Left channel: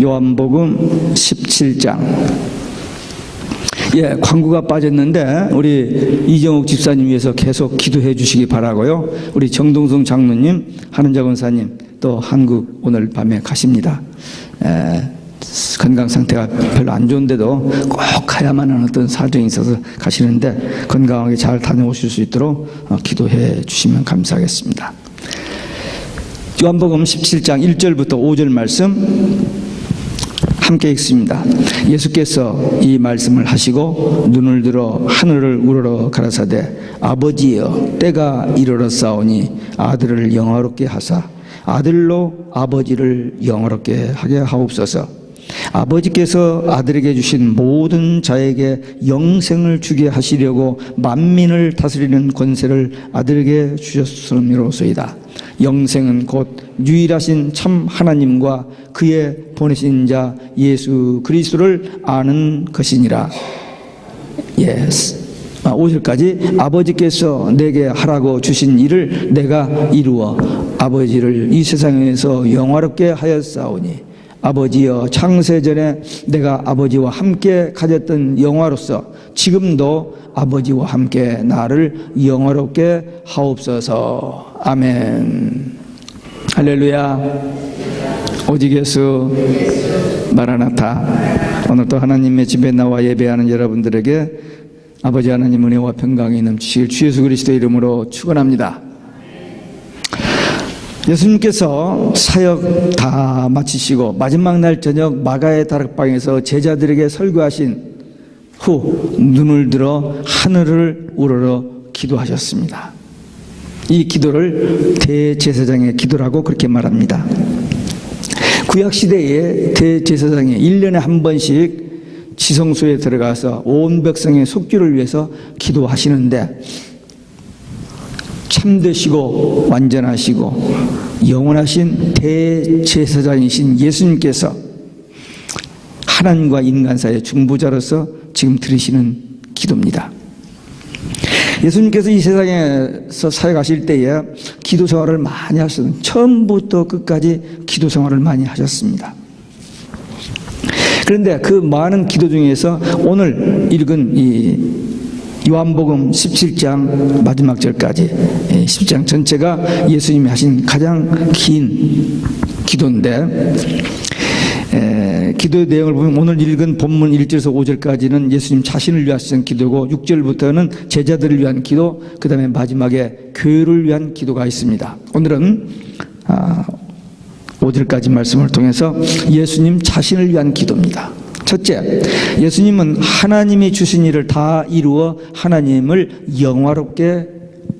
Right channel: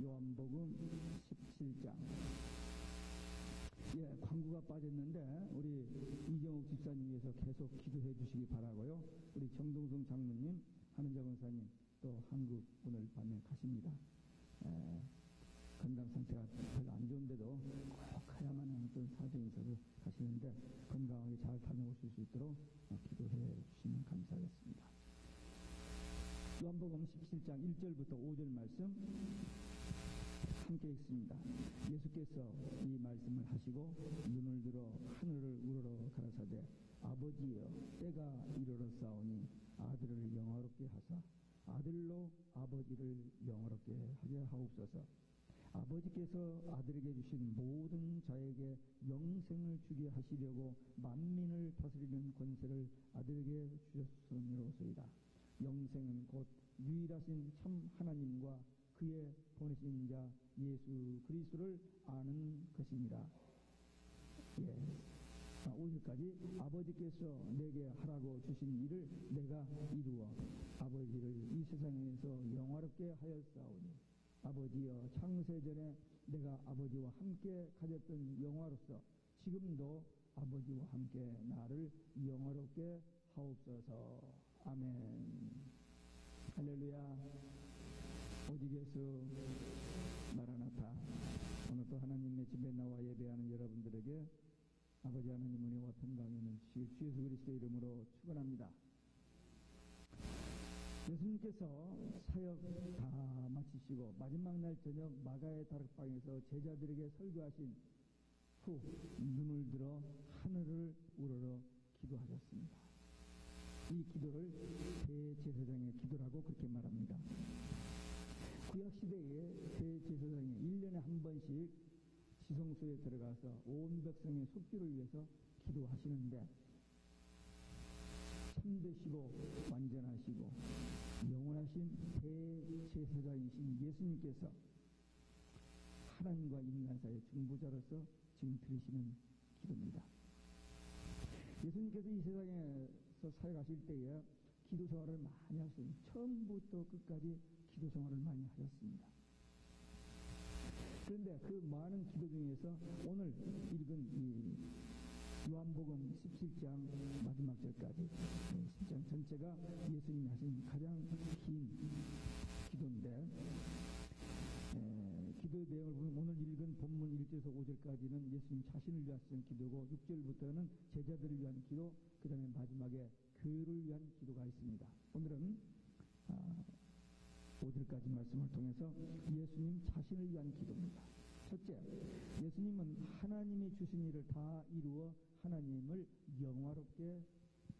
요한복음 17장. 광고가 빠졌는데 우리 이정옥 집사님 위해서 계속 기도해 주시기 바라고요. 우리 정동성 장로님, 한은자 권사님 또 한국 오늘 밤에 가십니다. 건강 상태가 별로 안 좋은데도 꼭 가야만 하는 어떤 사정이 있어서 가시는데 건강하게 잘 다녀오실 수 있도록 기도해 주시면 감사하겠습니다. 요한복음 17장 1절부터 5절 말씀 함께 읽습니다. 예수께서 이 말씀을 하시고 눈을 들어 하늘을 우러러 가라사대 아버지여 때가 이르렀사오니 아들을 영화롭게 하사 아들로 아버지를 영화롭게 하게 하옵소서. 아버지께서 아들에게 주신 모든 자에게 영생을 주게 하시려고 만민을 다스리는 권세를 아들에게 주셨음이로소이다. 영생은 곧 유일하신 참 하나님과 그의 보내신 자 예수 그리스도를 아는 것이니라. 5절까지 아버지께서 내게 하라고 주신 일을 내가 이루어 아버지를 이 세상에서 영화롭게 하였사오니 아버지여 창세전에 내가 아버지와 함께 가졌던 영화로서 지금도 아버지와 함께 나를 영화롭게 하옵소서. 아멘. 할렐루야. 오직 예수 마라나타. 오늘도 하나님의 집에 나와 예배하는 여러분들에게 아버지 하나님 은혜와 평강이 넘치실 주 예수 그리스도의 이름으로 축원합니다. 예수님께서 사역 다 마치시고 마지막 날 저녁 마가의 다락방에서 제자들에게 설교하신 후 눈을 들어 하늘을 우러러 기도하셨습니다. 이 기도를 대제사장의 기도라고 그렇게 말합니다. 구약시대에 대제사장이 1년에 한 번씩 지성소에 들어가서 온 백성의 속죄를 위해서 기도하시는데 참되시고 완전하시고 영원하신 대제사장이신 예수님께서 하나님과 인간 사이의 중보자로서 지금 들으시는 기도입니다. 예수님께서 이 세상에서 사역하실 때에 기도 생활을 많이 하셨습니다. 처음부터 끝까지 기도 생활을 많이 하셨습니다. 그런데 그 많은 기도 중에서 오늘 읽은 이 요한복음 17장 마지막 절까지 10장 전체가 예수님이 하신 가장 긴 기도인데 기도의 내용을 보면 오늘 읽은 본문 1절에서 5절까지는 예수님 자신을 위하신 기도고 6절부터는 제자들을 위한 기도, 그 다음에 마지막에 교회를 위한 기도가 있습니다. 오늘은 5절까지 말씀을 통해서 예수님 자신을 위한 기도입니다. 첫째, 예수님은 하나님이 주신 일을 다 이루어 하나님을 영화롭게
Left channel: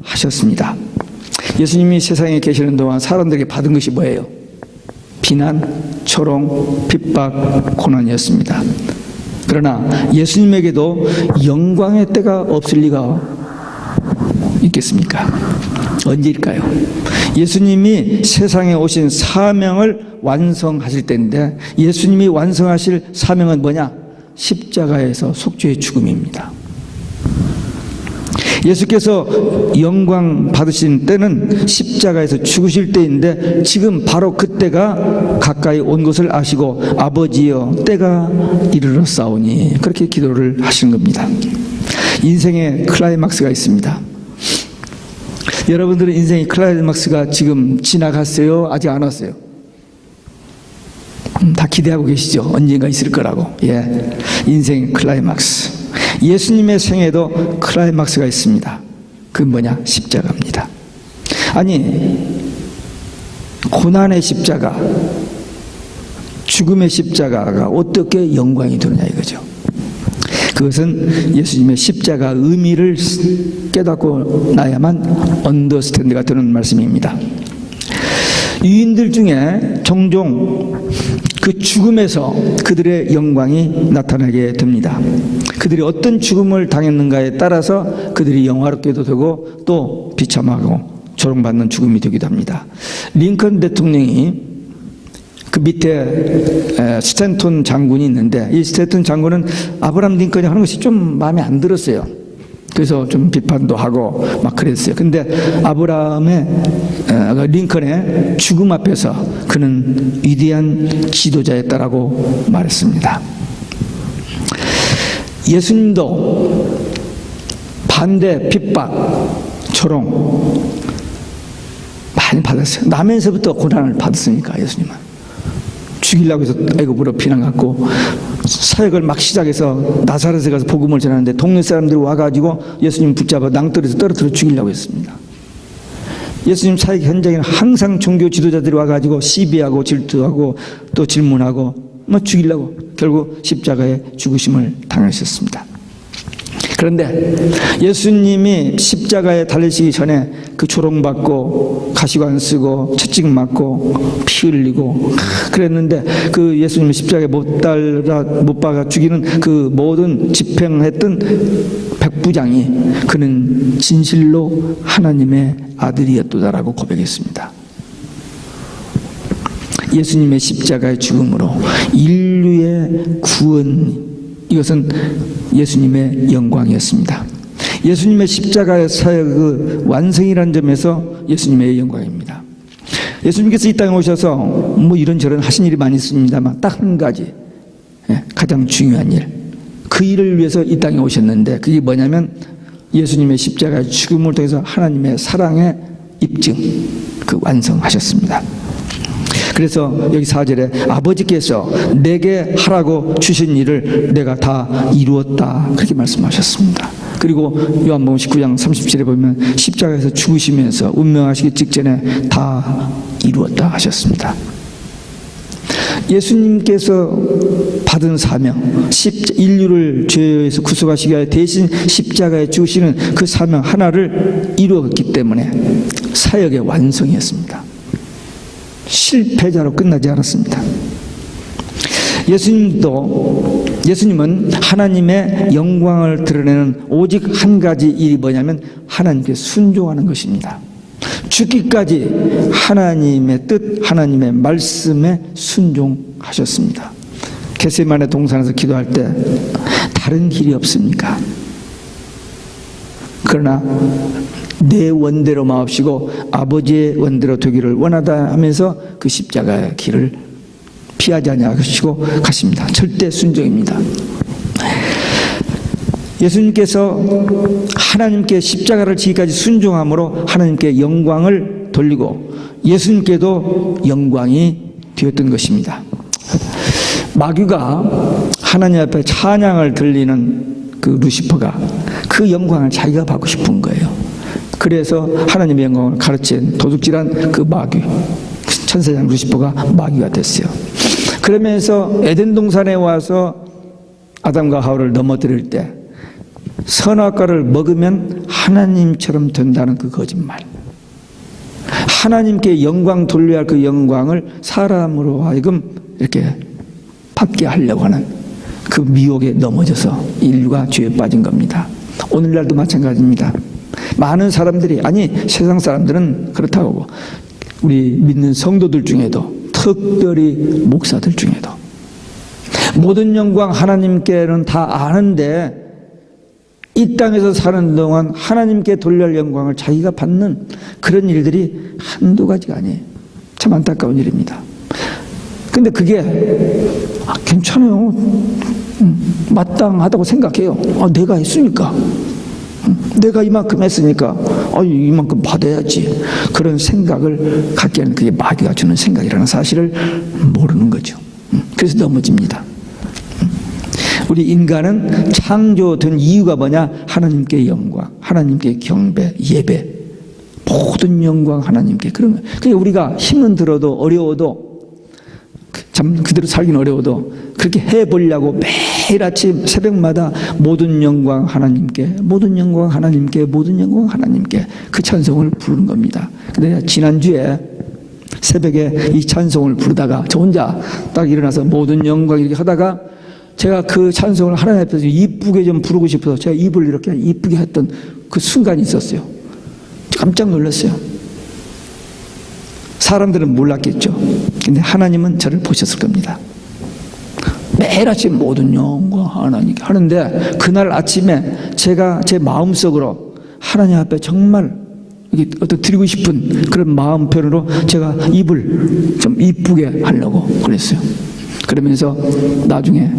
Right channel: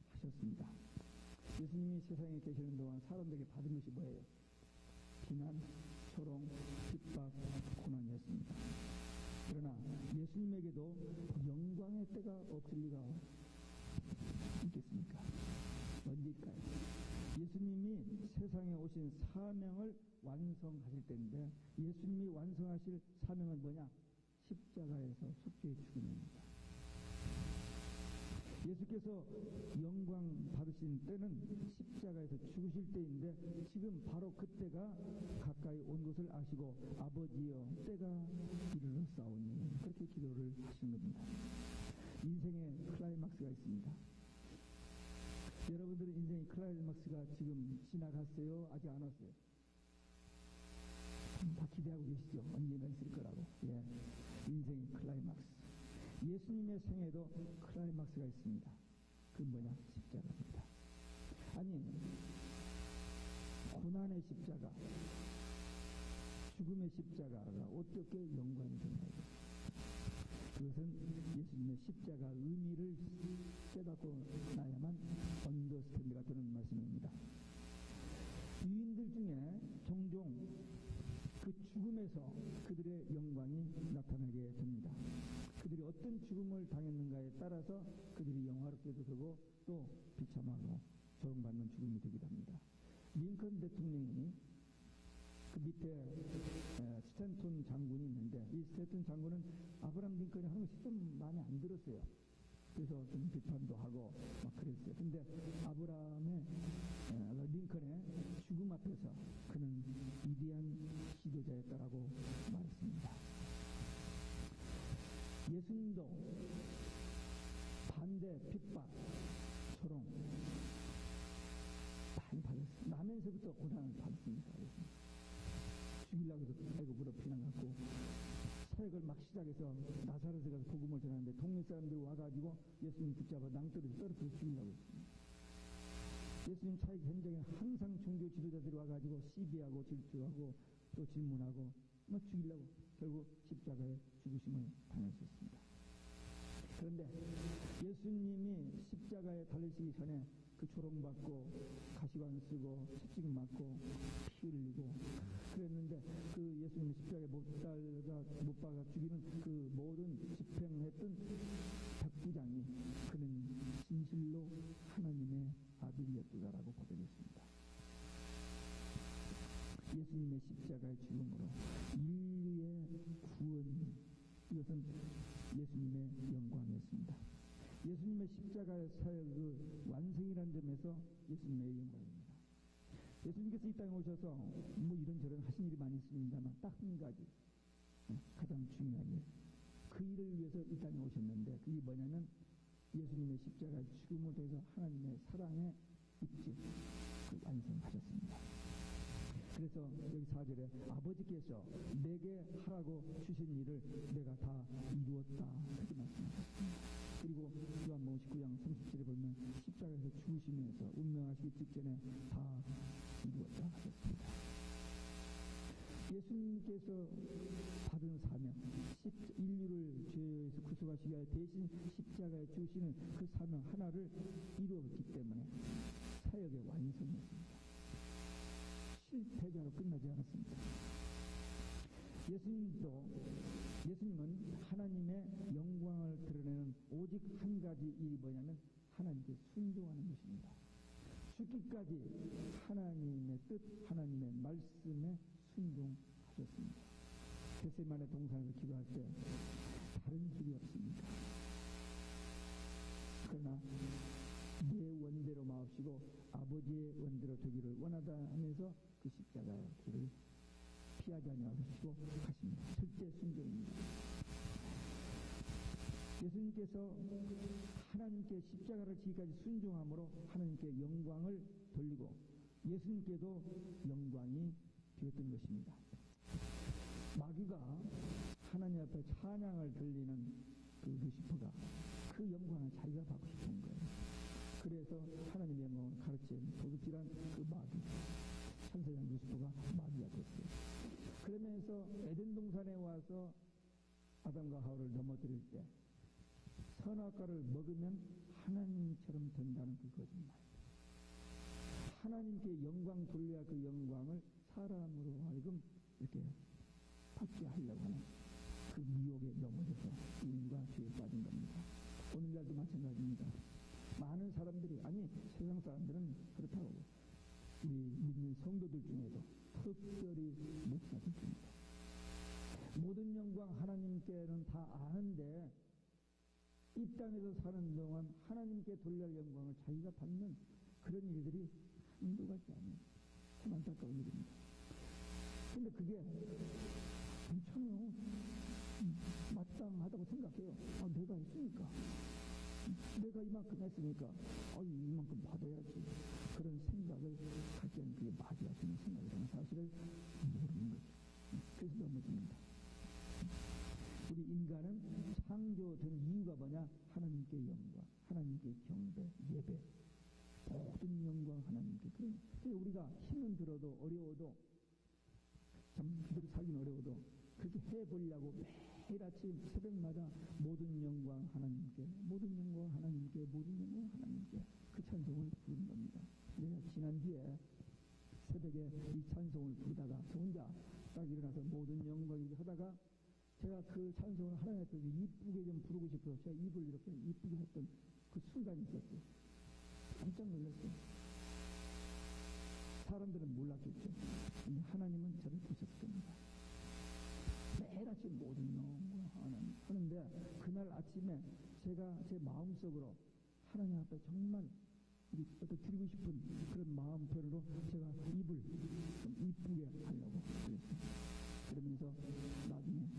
하셨습니다. 예수님이 세상에 계시는 동안 사람들에게 받은 것이 뭐예요? 비난, 조롱, 핍박, 고난이었습니다. 그러나 예수님에게도 영광의 때가 없을 리가 있겠습니까? 언제일까요? 예수님이 세상에 오신 사명을 완성하실 때인데 예수님이 완성하실 사명은 뭐냐? 십자가에서 속죄의 죽음입니다. 예수께서 영광 받으신 때는 십자가에서 죽으실 때인데 지금 바로 그때가 가까이 온 것을 아시고 아버지여 때가 이르렀사오니 그렇게 기도를 하시는 겁니다. 인생의 클라이막스가 있습니다. 여러분들은 인생의 클라이막스가 지금 지나갔어요? 아직 안 왔어요? 다 기대하고 계시죠? 언젠가 있을 거라고. 인생의 클라이막스. 예수님의 생애도 클라이막스가 있습니다. 그건 뭐냐? 십자가입니다. 아니, 고난의 십자가, 죽음의 십자가가 어떻게 영광이 되느냐 이거죠. 그것은 예수님의 십자가 의미를 깨닫고 나야만 언더스탠드가 되는 말씀입니다. 유인들 중에 종종 그 죽음에서 그들의 영광이 나타나게 됩니다. 그들이 어떤 죽음을 당했는가에 따라서 그들이 영화롭게도 되고 또 비참하고 조롱받는 죽음이 되기도 합니다. 링컨 대통령이 그 밑에 스탠톤 장군이 있는데 이 스탠톤 장군은 아브라함 링컨이 하는 것이 좀 마음에 안 들었어요. 그래서 좀 비판도 하고 막 그랬어요. 근데 아브라함의 링컨의 죽음 앞에서 그는 위대한 지도자였다라고 말했습니다. 예수님도 반대, 핍박, 조롱 많이 받았어요. 나면서부터 고난을 받았으니까. 예수님은 죽이려고 해서 애굽으로 피난 갔고, 사역을 막 시작해서 나사렛에 가서 복음을 전하는데 동네 사람들이 와가지고 예수님 붙잡아 낭떠러지에서 떨어뜨려 죽이려고 했습니다. 예수님 사역 현장에는 항상 종교 지도자들이 와가지고 시비하고 질투하고 또 질문하고 뭐 죽이려고, 결국 십자가에 죽으심을 당하셨습니다. 그런데 예수님이 십자가에 달리시기 전에 그 조롱받고 가시관 쓰고 채찍 맞고 피 흘리고 그랬는데, 그 예수님을 십자가에 못 박아 죽이는 그 모든 집행했던 백부장이 그는 진실로 하나님의 아들이었도다라고 고백했습니다. 예수님의 십자가의 죽음으로 인류의 구원, 이것은 예수님의 영광이었습니다. 예수님의 십자가의 사역의 완성이라는 점에서 예수님의 영광입니다. 예수님께서 이 땅에 오셔서 뭐 이런저런 하신 일이 많이 있습니다만 딱 한 가지, 가장 중요한 일, 그 일을 위해서 이 땅에 오셨는데, 그게 뭐냐면 예수님의 십자가의 죽음을 통해서 하나님의 사랑의 입증, 그 완성하셨습니다. 그래서 여기 4절에 아버지께서 내게 하라고 주신 일을 내가 다 이루었다, 그렇게 말씀하셨습니다. 그리고 요한복음 19장 30절에 보면 십자가에서 죽으시면서 운명하시기 직전에 다 이루었다 하셨습니다. 예수님께서 받은 사명, 인류를 죄에서 구속하시기 위해 대신 십자가에 죽으시는 그 사명 하나를 이루었기 때문에 사역의 완성이었습니다. 실패자로 끝나지 않았습니다. 예수님은 하나님의 영광을 드러내는 오직 한 가지 일이 뭐냐면 하나님께 순종하는 것입니다. 죽기까지 하나님의 뜻, 하나님의 말씀에 순종하셨습니다. 겟세마네 동산에서 기도할 때 다른 길이 없습니까? 그러나 내 원대로 마옵시고 아버지의 원대로 되기를 원하다 하면서 그 십자가의 길을 피하지 아니하시고 가십니다. 절대 순종입니다. 예수님께서 하나님께 십자가를 지기까지 순종함으로 하나님께 영광을 돌리고 예수님께도 영광이 되었던 것입니다. 마귀가 하나님 앞에 찬양을 들리는 그 루시퍼가 그 영광을 자기가 받고 싶은 거예요. 그래서 하나님의 영광을 가르친 도둑질한 그 마귀, 천사장 루시퍼가 마귀가 됐어요. 그러면서 에덴 동산에 와서 아담과 하와를 넘어뜨릴 때 선악과를 먹으면 하나님처럼 된다는 그 거짓말, 하나님께 영광 돌려야 할 그 영광을 사람으로 하여금 이렇게 받게 하려고 하는 그 미혹에 넘어져서 인류가 죄에 빠진 겁니다. 오늘날도 마찬가지입니다. 많은 사람들이, 아니 세상 사람들은 그렇다고 하고 우리 믿는 성도들 중에도, 특별히 목사들 중에도 모든 영광 하나님께는 다 아는데 이 땅에서 사는 동안 하나님께 돌릴 영광을 자기가 받는 그런 일들이 한두 가지가 아니에요. 참 안타까운 일입니다. 근데 그게 괜찮아요, 마땅하다고 생각해요. 내가 했으니까, 내가 이만큼 했으니까 이만큼 받아야지, 그런 생각을 갖게 하는, 그게 마귀가 주는 생각이라는 사실을 모르는 거죠. 그래서 넘어집니다. 우리 인간은 창조된 이유가 뭐냐? 하나님께 영광, 하나님께 경배, 예배, 모든 영광 하나님께, 그런 거예요. 그러니까 우리가 힘은 들어도 어려워도, 참 그대로 살기는 어려워도 그렇게 해보려고 매일 아침 새벽마다 모든 영광 하나님께, 모든 영광 하나님께, 모든 영광 하나님께, 그 찬송을 부르는 겁니다. 근데 지난주에 새벽에 이 찬송을 부르다가 저 혼자 딱 일어나서 모든 영광 이렇게 하다가 제가 그 찬송을 하나님 앞에서 이쁘게 좀 부르고 싶어서 제가 입을 이렇게 이쁘게 했던 그 순간이 있었어요. 깜짝 놀랐어요. 사람들은 몰랐겠죠. 근데 하나님은 저를 보셨을 겁니다. 매일 아침 모든 영광 하나님께 하는데, 그날 아침에 제가 제 마음속으로 하나님 앞에 정말 어떤 드리고 싶은 그런 마음 표현으로 제가 입을 좀 이쁘게 하려고 그랬어요. 그러면서 나중에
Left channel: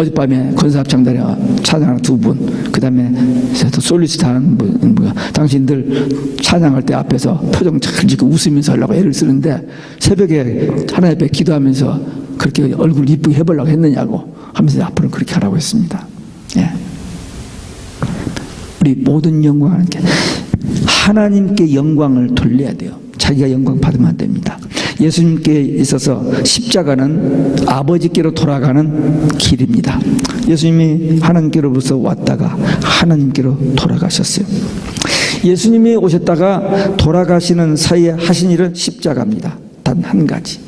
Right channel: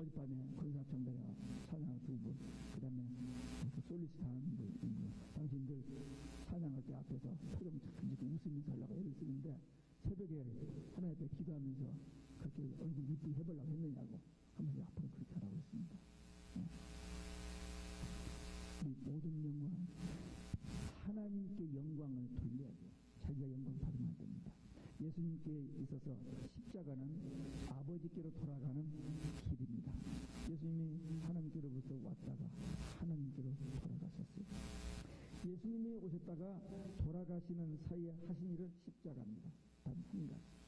어젯밤에 권사합창단에 찬양하는 2분, 그 다음에 솔리스트 하는 분, 당신들 찬양할 때 앞에서 표정 잘 짓고 웃으면서 하려고 애를 쓰는데, 새벽에 하나님 앞에 기도하면서 그렇게 얼굴 이쁘게 해보려고 했느냐고 하면서 앞으로는 그렇게 하라고 했습니다. 예. 우리 모든 영광을 하나님께 영광을 돌려야 돼요. 자기가 영광 받으면 안 됩니다. 예수님께 있어서 십자가는 아버지께로 돌아가는 길입니다. 예수님이 하나님께로부터 왔다가 하나님께로 돌아가셨어요. 예수님이 오셨다가 돌아가시는 사이에 하신 일은 십자가입니다. 단 한 가지.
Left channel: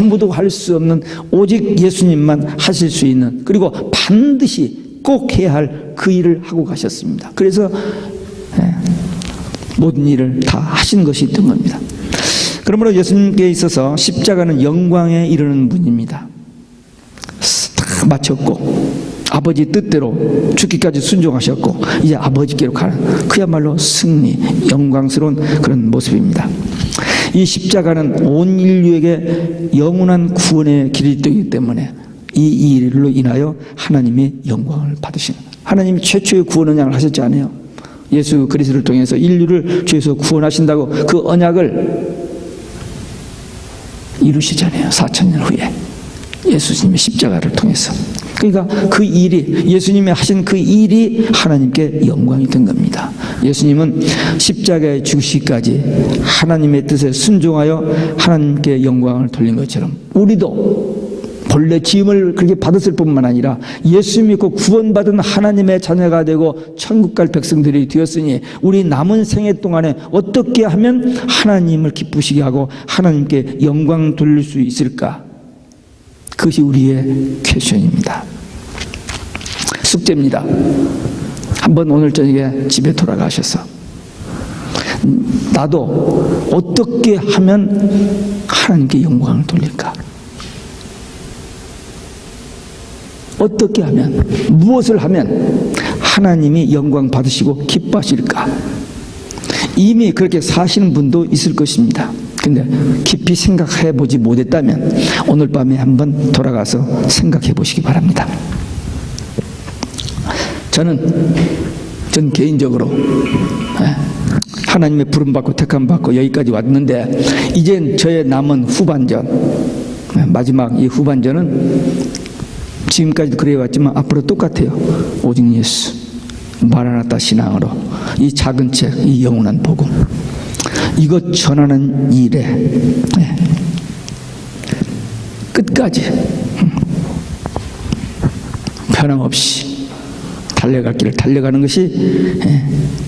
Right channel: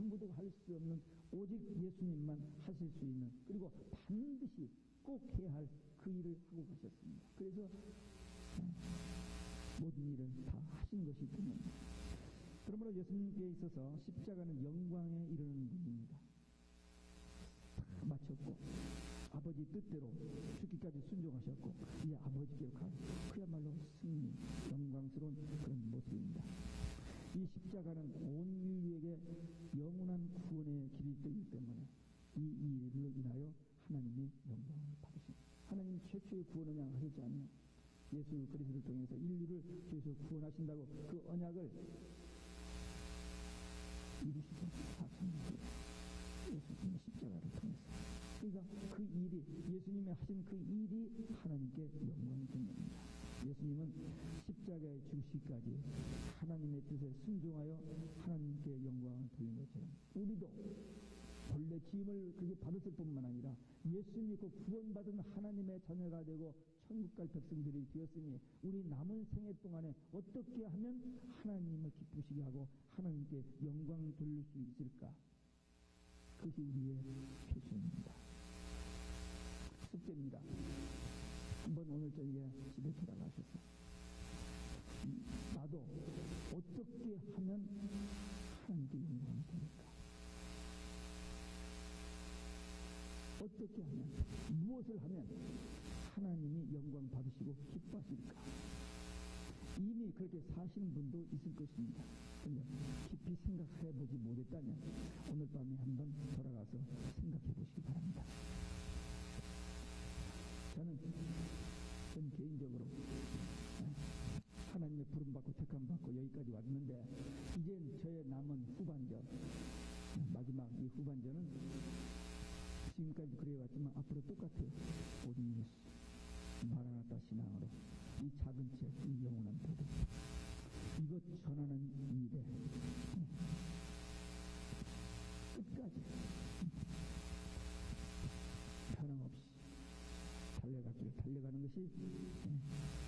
아무도 할 수 없는 오직 예수님만 하실 수 있는, 그리고 반드시 꼭 해야 할 그 일을 하고 가셨습니다. 그래서 모든 일을 다 하신 것이 있던 겁니다. 그러므로 예수님께 있어서 십자가는 영광에 이르는 분입니다. 다 마쳤고 아버지 뜻대로 죽기까지 순종하셨고 이제 아버지께로 가는, 그야말로 승리, 영광스러운 그런 모습입니다. 이 십자가는 온 인류에게 영원한 구원의 길이 되기 때문에 이 일로 인하여 하나님이 영광을 받으시는, 하나님이 최초의 구원 언약을 하셨지 않아요? 예수 그리스도를 통해서 인류를 죄에서 구원하신다고 그 언약을 이루시잖아요. 4000년 후에 예수님의 십자가를 통해서. 그러니까 그 일이, 예수님이 하신 그 일이 하나님께 영광이 된 겁니다. 예수님은 십자가에 죽으시기까지 하나님의 뜻에 순종하여 하나님께 영광을 돌린 것처럼 우리도 본래 지음을 그렇게 받았을 뿐만 아니라 예수 믿고 구원받은 하나님의 자녀가 되고 천국 갈 백성들이 되었으니 우리 남은 생애 동안에 어떻게 하면 하나님을 기쁘시게 하고 하나님께 영광 돌릴 수 있을까? 그것이 우리의 퀘션입니다. 숙제입니다. 한번 오늘 저녁에 집에 돌아가셔서 나도 어떻게 하면 하나님께 영광을 돌릴까? 어떻게 하면, 무엇을 하면 하나님이 영광 받으시고 기뻐하실까? 이미 그렇게 사시는 분도 있을 것입니다. 근데 깊이 생각해 보지 못했다면 오늘 밤에 한번 돌아가서 생각해 보시기 바랍니다. 전 개인적으로 하나님의 부름받고 택함받고 여기까지 왔는데, 이젠 저의 남은 후반전, 마지막 이 후반전은 지금까지도 그래왔지만 앞으로 똑같아요. 오직 예수, 마라나타 신앙으로 이 작은 책, 이 영원한 복음, 이것 전하는 일에 끝까지 변함없이 달려갈 길을 달려가는 것이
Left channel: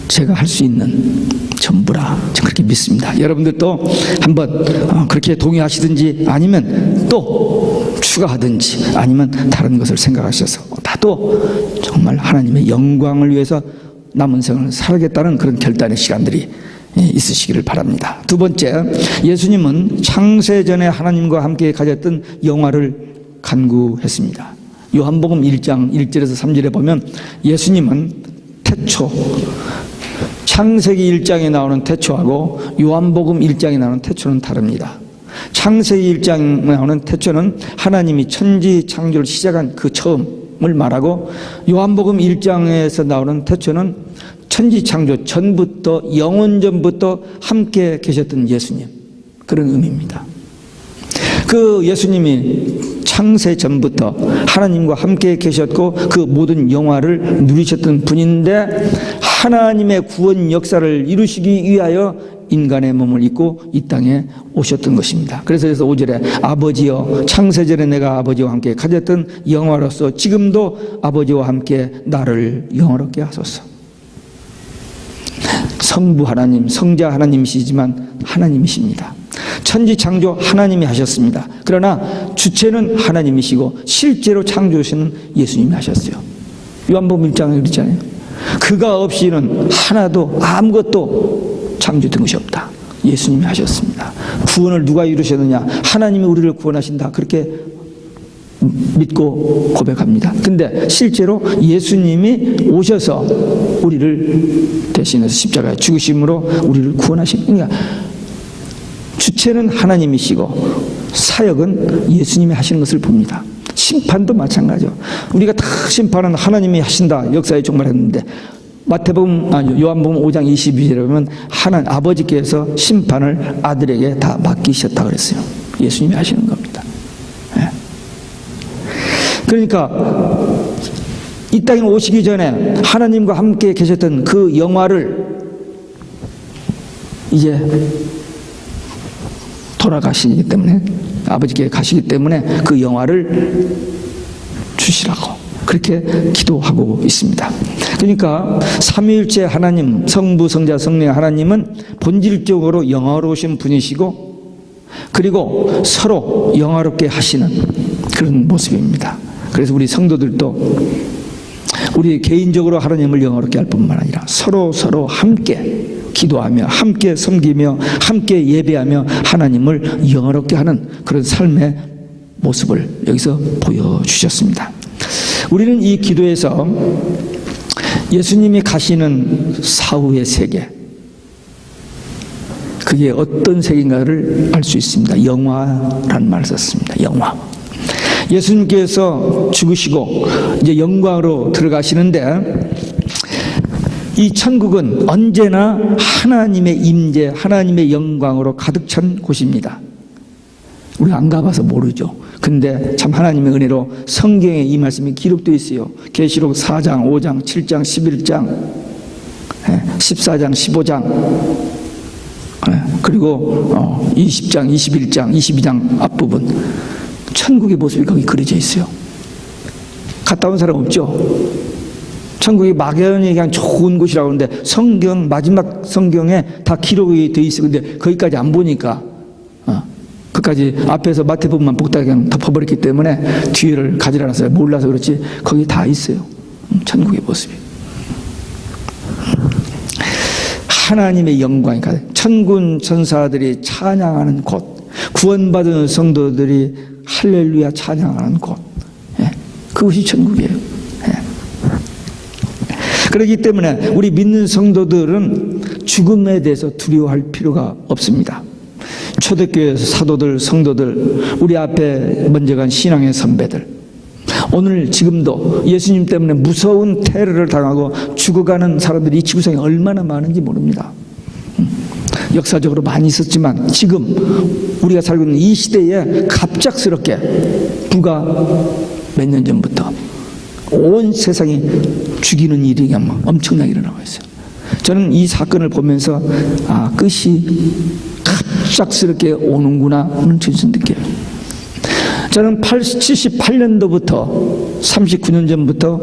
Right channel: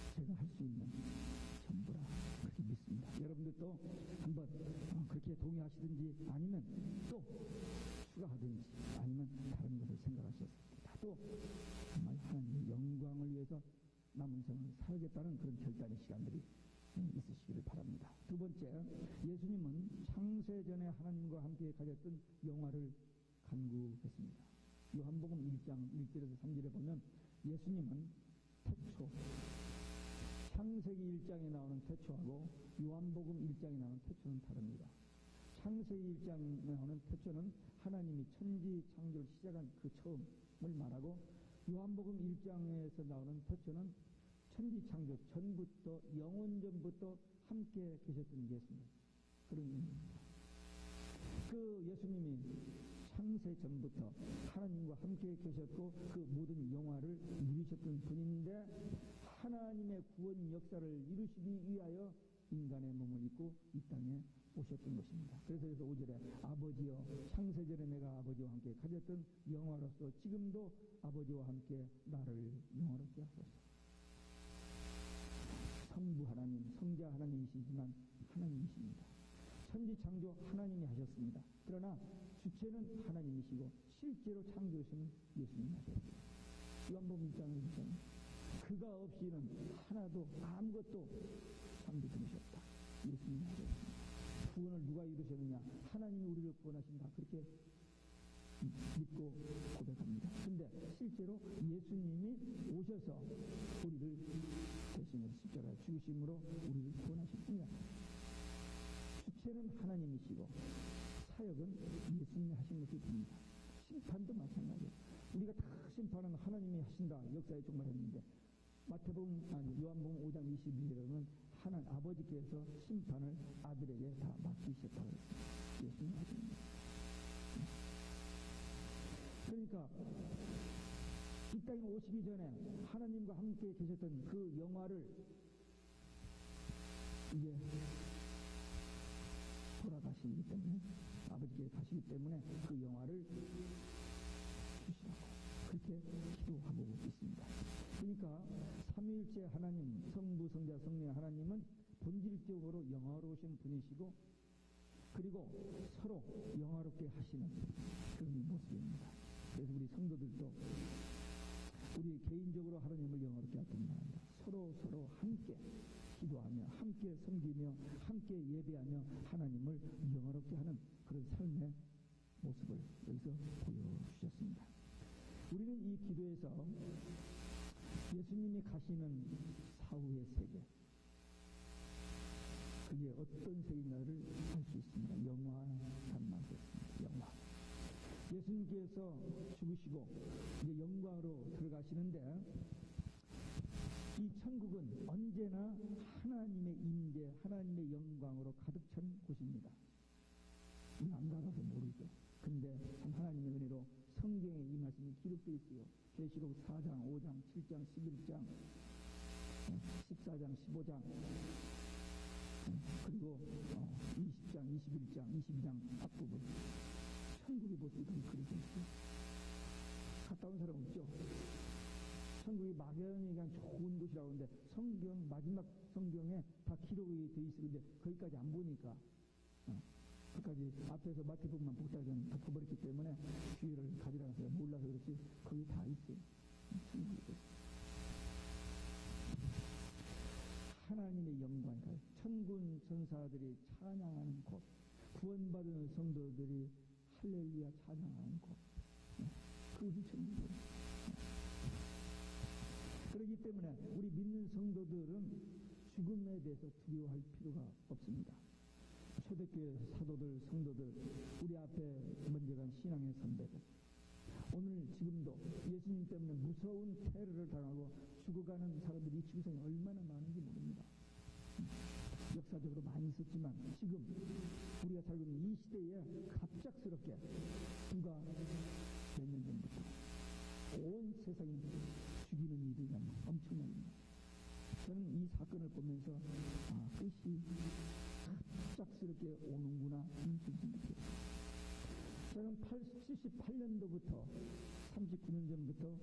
제가 할 수 있는 전부라, 저는 그렇게 믿습니다. 여러분들도 한번 그렇게 동의하시든지 아니면 또 추가하든지 아니면 다른 것을 생각하셔서 나도 정말 하나님의 영광을 위해서 남은 생을 살겠다는 그런 결단의 시간들이 있으시기를 바랍니다. 두 번째, 예수님은 창세전에 하나님과 함께 가졌던 영화를 간구했습니다. 요한복음 1장 1절에서 3절에 보면 예수님은 태초, 창세기 1장에 나오는 태초하고 요한복음 1장에 나오는 태초는 다릅니다. 창세기 1장에 나오는 태초는 하나님이 천지 창조를 시작한 그 처음을 말하고, 요한복음 1장에서 나오는 태초는 천지 창조 전부터, 영원 전부터 함께 계셨던 예수님, 그런 의미입니다. 그 예수님이 창세 전부터 하나님과 함께 계셨고 그 모든 영화를 누리셨던 분인데, 하나님의 구원 역사를 이루시기 위하여 인간의 몸을 입고 이 땅에 오셨던 것입니다. 그래서 5절에 아버지여, 창세전에 내가 아버지와 함께 가졌던 영화로서 지금도 아버지와 함께 나를 영화롭게 하소서. 성부 하나님, 성자 하나님이시지만 하나님이십니다. 천지 창조 하나님이 하셨습니다. 그러나 주체는 하나님이시고 실제로 창조하시는 예수님이 하셨어요. 요한복음 1장에 그랬잖아요. 그가 없이는 하나도 아무것도 창조된 것이 없다. 예수님이 하셨습니다. 구원을 누가 이루셨느냐? 하나님이 우리를 구원하신다. 그렇게 믿고 고백합니다. 근데 실제로 예수님이 오셔서 우리를 대신해서 십자가에 죽으심으로 우리를 구원하신, 그러니까 주체는 하나님이시고 사역은 예수님이 하시는 것을 봅니다. 심판도 마찬가지죠. 우리가 다 심판은 하나님이 하신다 역사에 종말했는데, 요한복음 5장 22절에 보면 아버지께서 심판을 아들에게 다 맡기셨다 그랬어요. 예수님이 하시는 겁니다. 예. 그러니까 이 땅에 오시기 전에 하나님과 함께 계셨던 그 영화를 이제 돌아가시기 때문에, 아버지께 가시기 때문에 그 영화를 주시라고 그렇게 기도하고 있습니다. 그러니까 삼위일체 하나님, 성부, 성자, 성령 하나님은 본질적으로 영화로우신 분이시고, 그리고 서로 영화롭게 하시는 그런 모습입니다. 그래서 우리 성도들도 우리 개인적으로 하나님을 영화롭게 할 뿐만 아니라 서로 함께 기도하며 함께 섬기며 함께 예배하며 하나님을 영화롭게 하는 그런 삶의 모습을 여기서 보여주셨습니다. 우리는 이 기도에서 예수님이 가시는 사후의 세계, 그게 어떤 세계인가를 알 수 있습니다. 영화라는 말을 썼습니다. 영화. 예수님께서 죽으시고 이제 영광으로 들어가시는데, 이 천국은 언제나 하나님의 임재, 하나님의 영광으로 가득 찬 곳입니다. 우리가 안 가봐서 모르죠. 근데 참 하나님의 은혜로 성경에 이 말씀이 기록되어 있어요. 계시록 4장, 5장, 7장, 11장, 14장, 15장, 그리고 20장, 21장, 22장 앞부분, 천국의 모습이 거기 그려져 있어요. 갔다 온 사람 없죠? 천국이 막연히 그냥 좋은 곳이라고 하는데 마지막 성경에 다 기록이 돼 있어요. 근데 거기까지 안 보니까 그까지 앞에서 마태복음만 복다하게 그냥 덮어버렸기 때문에 뒤를 가지 않았어요. 몰라서 그렇지 거기 다 있어요. 천국의 모습이. 하나님의 영광이 가득, 천군 천사들이 찬양하는 곳, 구원받은 성도들이 할렐루야 찬양하는 곳, 그것이 천국이에요. 그렇기 때문에 우리 믿는 성도들은 죽음에 대해서 두려워할 필요가 없습니다. 초대교회에서 사도들, 성도들, 우리 앞에 먼저 간 신앙의 선배들, 오늘 지금도 예수님 때문에 무서운 테러를 당하고 죽어가는 사람들이 이 지구상에 얼마나 많은지 모릅니다. 역사적으로 많이 있었지만 지금 우리가 살고 있는 이 시대에 갑작스럽게 불과 몇 년 전부터 온 세상이 죽이는 일이 그냥 엄청나게 일어나고 있어요. 저는 이 사건을 보면서 끝이 갑작스럽게 오는구나 하는 진심 느껴요. 저는 78년도부터 39년 전부터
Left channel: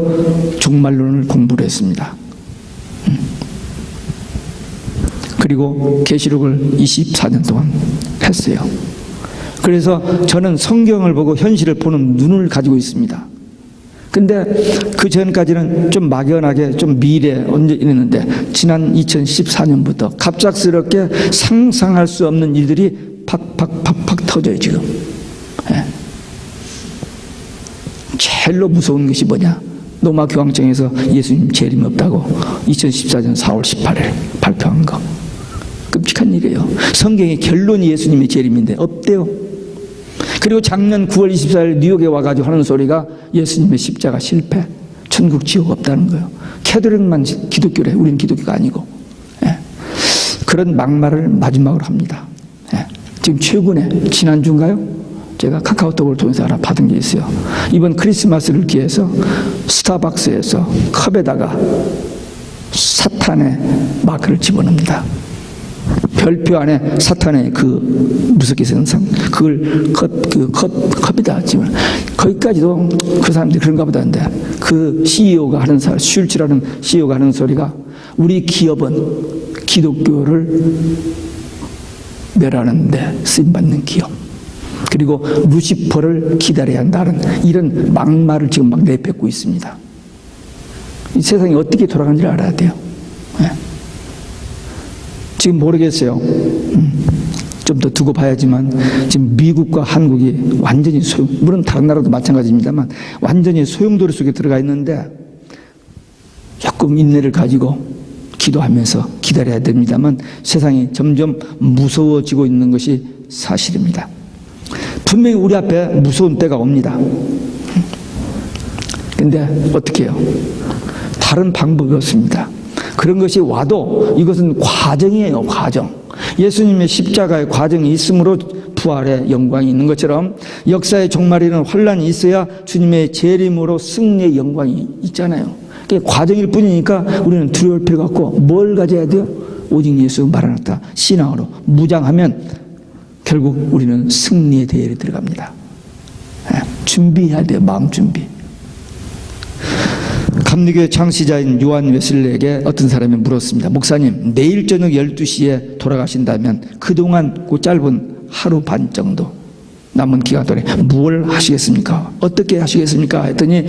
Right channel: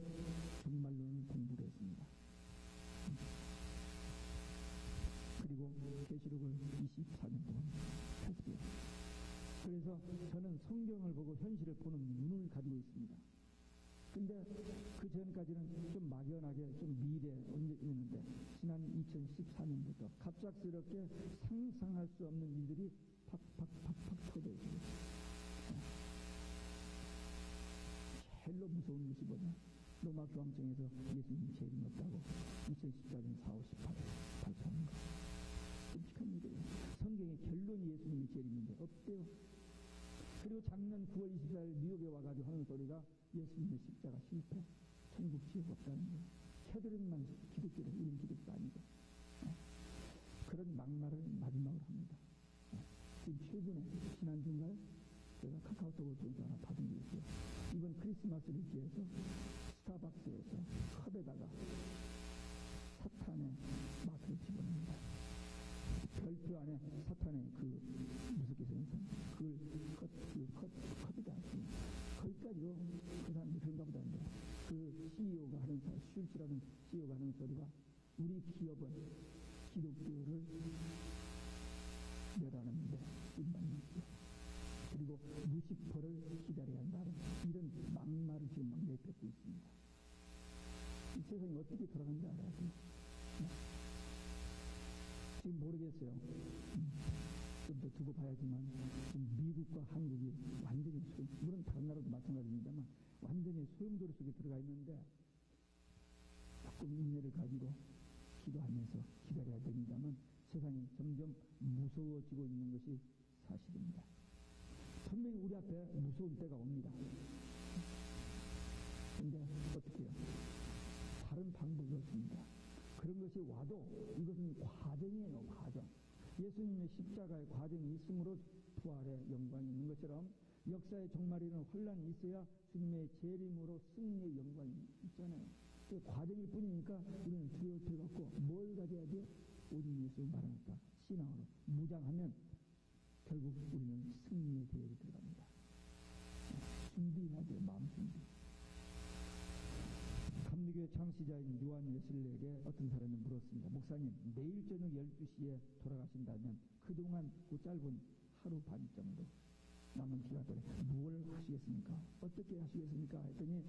종말론을 공부를 했습니다. 그리고 계시록을 24년 동안 했어요. 그래서 저는 성경을 보고 현실을 보는 눈을 가지고 있습니다. 근데 그 전까지는 좀 막연하게 좀 미래 언제 이랬는데, 지난 2014년부터 갑작스럽게 상상할 수 없는 일들이 팍팍팍팍 터져요 지금. 제일로 무서운 것이 뭐냐? 로마 교황청에서 예수님 재림 없다고 2014년 4월 18일 발표한 거. 끔찍한 일이에요. 성경의 결론이 예수님의 재림인데 없대요. 그리고 작년 9월 24일 뉴욕에 와가지고 하는 소리가 예수님의 십자가 실패, 천국 지옥 없다는 거예요. 캐톨릭만 기독교래. 우리는 기독교가 아니고. 그런 막말을 마지막으로 합니다. 지금 최근에 지난주인가요? 제가 카카오톡을 통해서 하나 받은 게 있어요. 이번 크리스마스를 기해서 스타벅스에서 컵에다가 사탄의 마크를 집어넣습니다. 별표 안에 사탄의 그 무섭게 생긴 상, 그걸 컵에다 집어넣어. 거기까지도 그 사람들이 그런가 보다는데, 그 CEO가 하는 슐츠라는 CEO가 하는 소리가, 우리 기업은 기독교를 멸하는데 쓰임받는 기업, 그리고 루시퍼를 기다려야 한다는 이런 막말을 지금 막 내뱉고 있습니다. 이 세상이 어떻게 돌아가는지를 알아야 돼요. 지금 모르겠어요. 좀 더 두고 봐야지만 지금 미국과 한국이 완전히 물론 다른 나라도 마찬가지입니다만 완전히 소용돌이 속에 들어가 있는데 조금 인내를 가지고 기도하면서 기다려야 됩니다만 세상이 점점 무서워지고 있는 것이 사실입니다. 분명히 우리 앞에 무서운 때가 옵니다. 근데 어떻게 해요? 다른 방법이 없습니다. 그런 것이 와도 이것은 과정이에요. 과정. 예수님의 십자가의 과정이 있으므로 부활의 영광이 있는 것처럼 역사의 종말에는 혼란이 있어야 주님의 재림으로 승리의 영광이 있잖아요. 그게 과정일 뿐이니까 우리는 두려울 필요가 없고 뭘 가져야 돼요? 오직 예수 마라나타 신앙으로 무장하면 결국 우리는 승리의 대열에 들어갑니다. 준비해야 돼요. 마음 준비. 감리교의 창시자인 요한 웨슬리에게 어떤 사람이 물었습니다. 목사님, 내일 저녁 12시에 돌아가신다면 그동안 그 짧은 하루 반 정도 남은 기간 동안에 무엇을 하시겠습니까? 어떻게 하시겠습니까? 했더니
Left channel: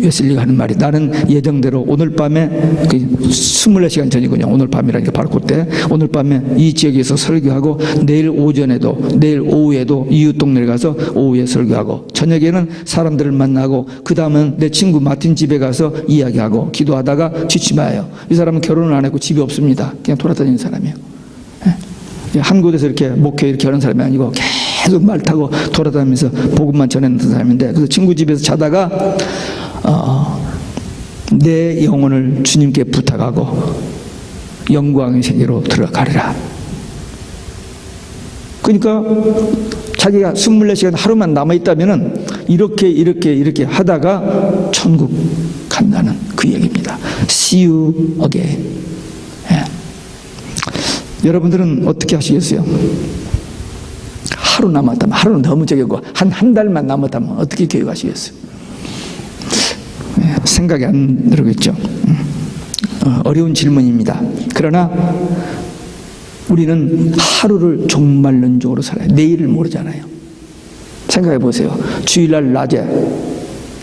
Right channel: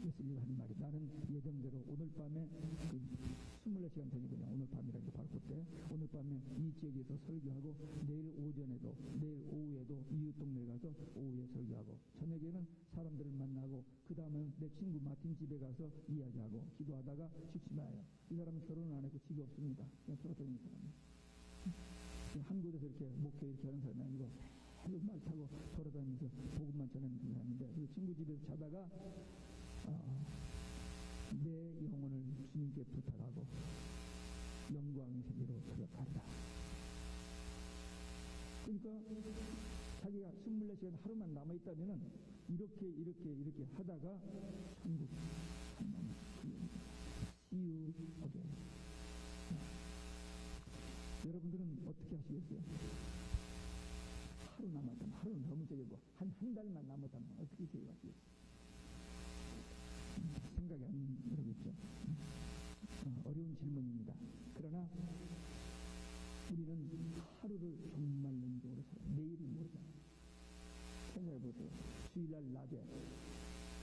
웨슬리가 하는 말이 나는 예정대로 오늘 밤에 24시간 전이군요. 오늘 밤이라니까 바로 그때 오늘 밤에 이 지역에서 설교하고 내일 오전에도 내일 오후에도 이웃 동네에 가서 오후에 설교하고 저녁에는 사람들을 만나고 그 다음은 내 친구 마틴 집에 가서 이야기하고 기도하다가 지치마요. 이 사람은 결혼을 안 했고 집이 없습니다. 그냥 돌아다니는 사람이에요. 한 곳에서 이렇게 목회 이렇게 하는 사람이 아니고 계속 말 타고 돌아다니면서 복음만 전하는 사람인데 그래서 친구 집에서 자다가 내 영혼을 주님께 부탁하고 영광의 세계로 들어가리라. 그러니까 자기가 24시간 하루만 남아있다면 이렇게 하다가 천국 간다는 그 얘기입니다. See you again. 예. 여러분들은 어떻게 하시겠어요? 하루 남았다면 하루는 너무 적고 한 달만 남았다면 어떻게 계획하시겠어요? 생각이 안 들겠죠. 어려운 질문입니다. 그러나 우리는 하루를 종말론적으로 살아요. 내일을 모르잖아요. 생각해 보세요. 주일날 낮에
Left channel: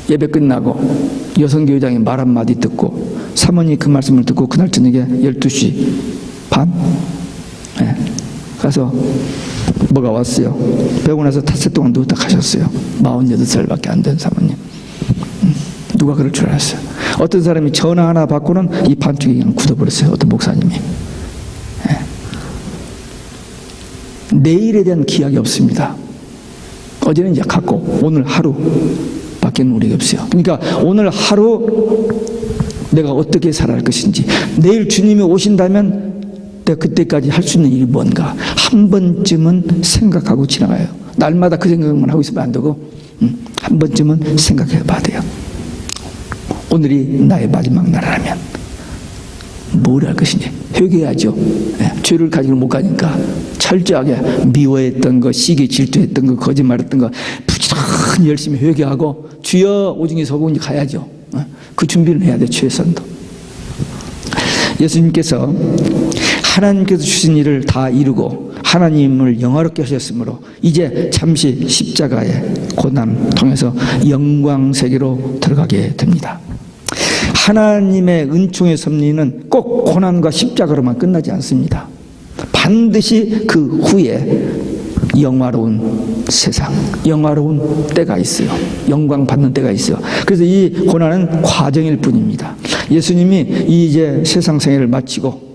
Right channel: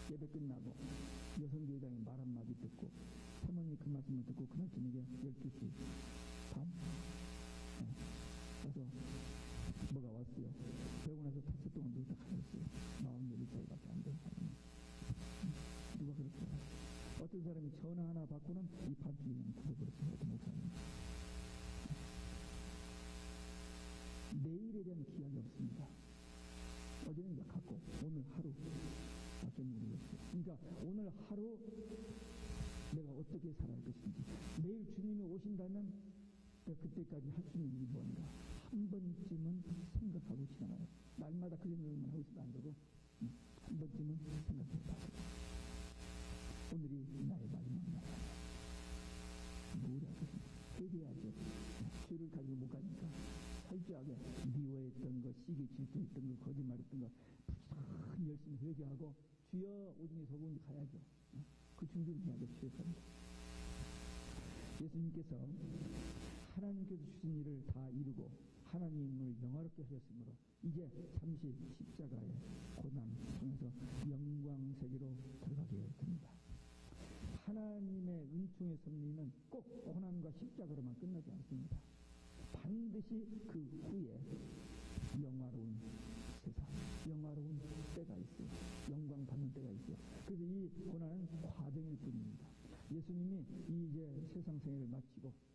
예배 끝나고 여성교회장이 말 한마디 듣고 사모님이 그 말씀을 듣고 그날 저녁에 12시 반 가서 뭐가 왔어요. 배우고 나서 닷새 동안 누웠다 가셨어요. 48살밖에 안 된 사모님. 누가 그럴 줄 알았어요. 어떤 사람이 전화 하나 받고는 이 반쪽이 그냥 굳어버렸어요. 어떤 목사님이. 내일에 대한 기약이 없습니다. 어제는 이제 갔고 오늘 하루밖에는 우리가 없어요. 그러니까 오늘 하루 내가 어떻게 살아갈 것인지 내일 주님이 오신다면 내가 그때까지 할 수 있는 일이 뭔가 한 번쯤은 생각하고 지나가요. 날마다 그 생각만 하고 있으면 안 되고 한 번쯤은 생각해 봐야 돼요. 오늘이 나의 마지막 날이라면 뭘 할 것인지 회개해야죠. 죄를 가지고 못 가니까 철저하게 미워했던 거, 시기 질투했던 거, 거짓말했던 거 부지런히 열심히 회개하고 주여 오중에 서고 이제 가야죠. 그 준비를 해야 돼. 최선도. 예수님께서 하나님께서 주신 일을 다 이루고 하나님을 영화롭게 하셨으므로 이제 잠시 십자가의 고난 통해서 영광 세계로 들어가게 됩니다. 하나님의 은총의 섭리는 꼭 고난과 십자가로만 끝나지 않습니다. 반드시 그 후에 영화로운 세상, 영화로운 때가 있어요. 영광 받는 때가 있어요. 그래서 이 고난은 과정일 뿐입니다. 예수님이 이제 세상 생애를 마치고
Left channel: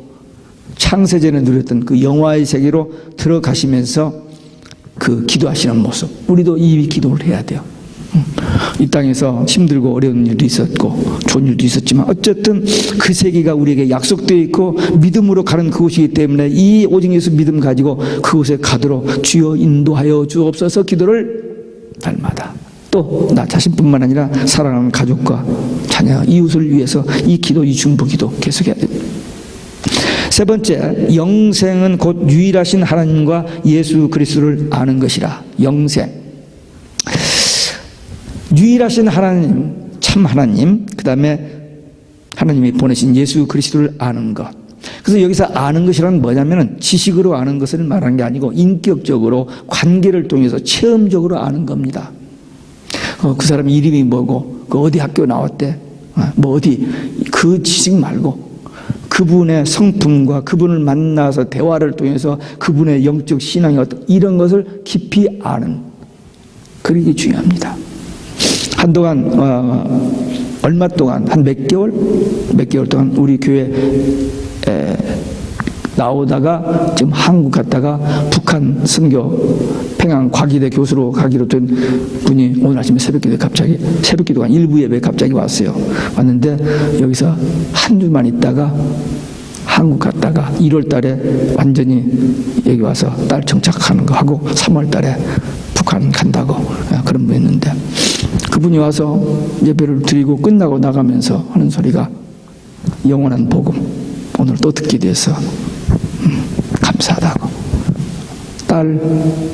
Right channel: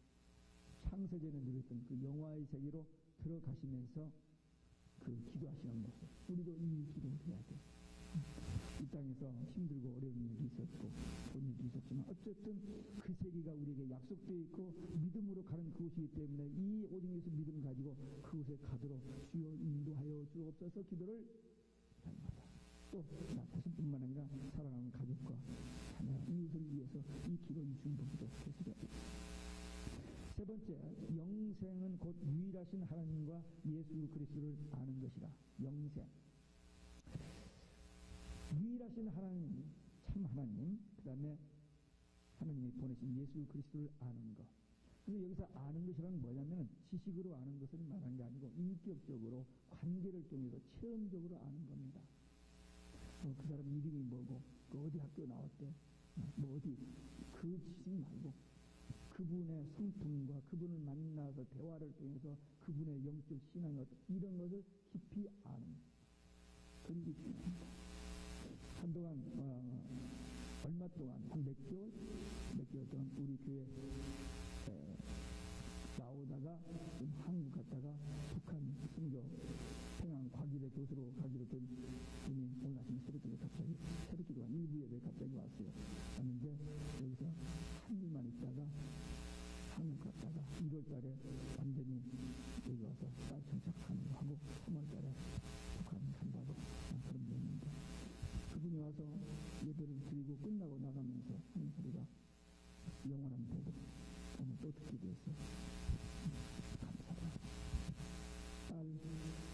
창세전에 누렸던 그 영화의 세계로 들어가시면서 그 기도하시는 모습, 우리도 이 기도를 해야 돼요. 이 땅에서 힘들고 어려운 일도 있었고 좋은 일도 있었지만 어쨌든 그 세계가 우리에게 약속되어 있고 믿음으로 가는 그곳이기 때문에 이 오직 예수 믿음 가지고 그곳에 가도록 주여 인도하여 주옵소서 기도를 날마다 또 나 자신뿐만 아니라 사랑하는 가족과 자녀, 이웃을 위해서 이 기도, 이 중보기도 계속해야 됩니다. 세 번째, 영생은 곧 유일하신 하나님과 예수 그리스도를 아는 것이라. 영생. 유일하신 하나님, 참 하나님, 그 다음에 하나님이 보내신 예수 그리스도를 아는 것. 그래서 여기서 아는 것이란 뭐냐면 지식으로 아는 것을 말하는 게 아니고 인격적으로 관계를 통해서 체험적으로 아는 겁니다. 그 사람 이름이 뭐고, 그 어디 학교 나왔대, 뭐 어디, 그 지식 말고 그분의 성품과 그분을 만나서 대화를 통해서 그분의 영적 신앙이 어떤 이런 것을 깊이 아는 그게 중요합니다. 한동안 얼마 동안 한 몇 개월 동안 우리 교회 나오다가 지금 한국 갔다가 북한 선교 평양 과기대 교수로 가기로 된 분이 오늘 아침에 새벽기도가 일부 예배에 갑자기 왔어요. 왔는데 여기서 한 주만 있다가 한국 갔다가 1월 달에 완전히 여기 와서 딸 정착하는 거 하고 3월 달에 북한 간다고 그런 분이었는데, 그분이 와서 예배를 드리고 끝나고 나가면서 하는 소리가 영원한 복음 오늘 또 듣게 돼서 감사하다고. 딸,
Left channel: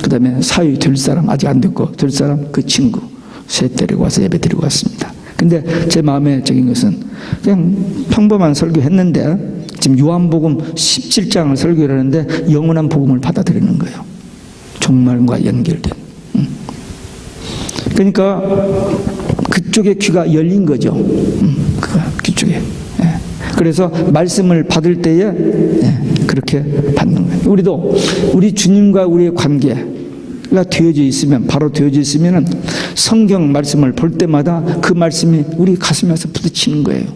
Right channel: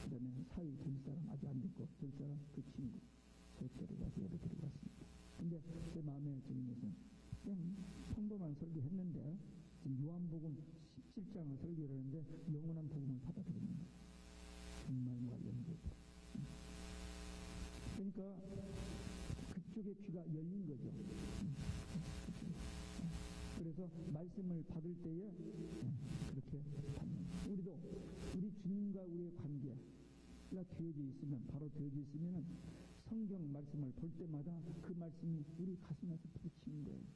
그 다음에 사위 될 사람 아직 안 됐고 될 사람 그 친구 셋 데리고 와서 예배 드리고 왔습니다. 근데 제 마음에 적인 것은 그냥 평범한 설교했는데 지금 요한복음 17장을 설교를 하는데 영원한 복음을 받아들이는 거예요. 종말과 연결된. 그러니까 그쪽에 귀가 열린 거죠. 그 귀쪽에. 그래서 말씀을 받을 때에 그렇게 받는 거예요. 우리도 우리 주님과 우리의 관계가 되어져 있으면, 바로 되어져 있으면 성경 말씀을 볼 때마다 그 말씀이 우리 가슴에서 부딪히는 거예요.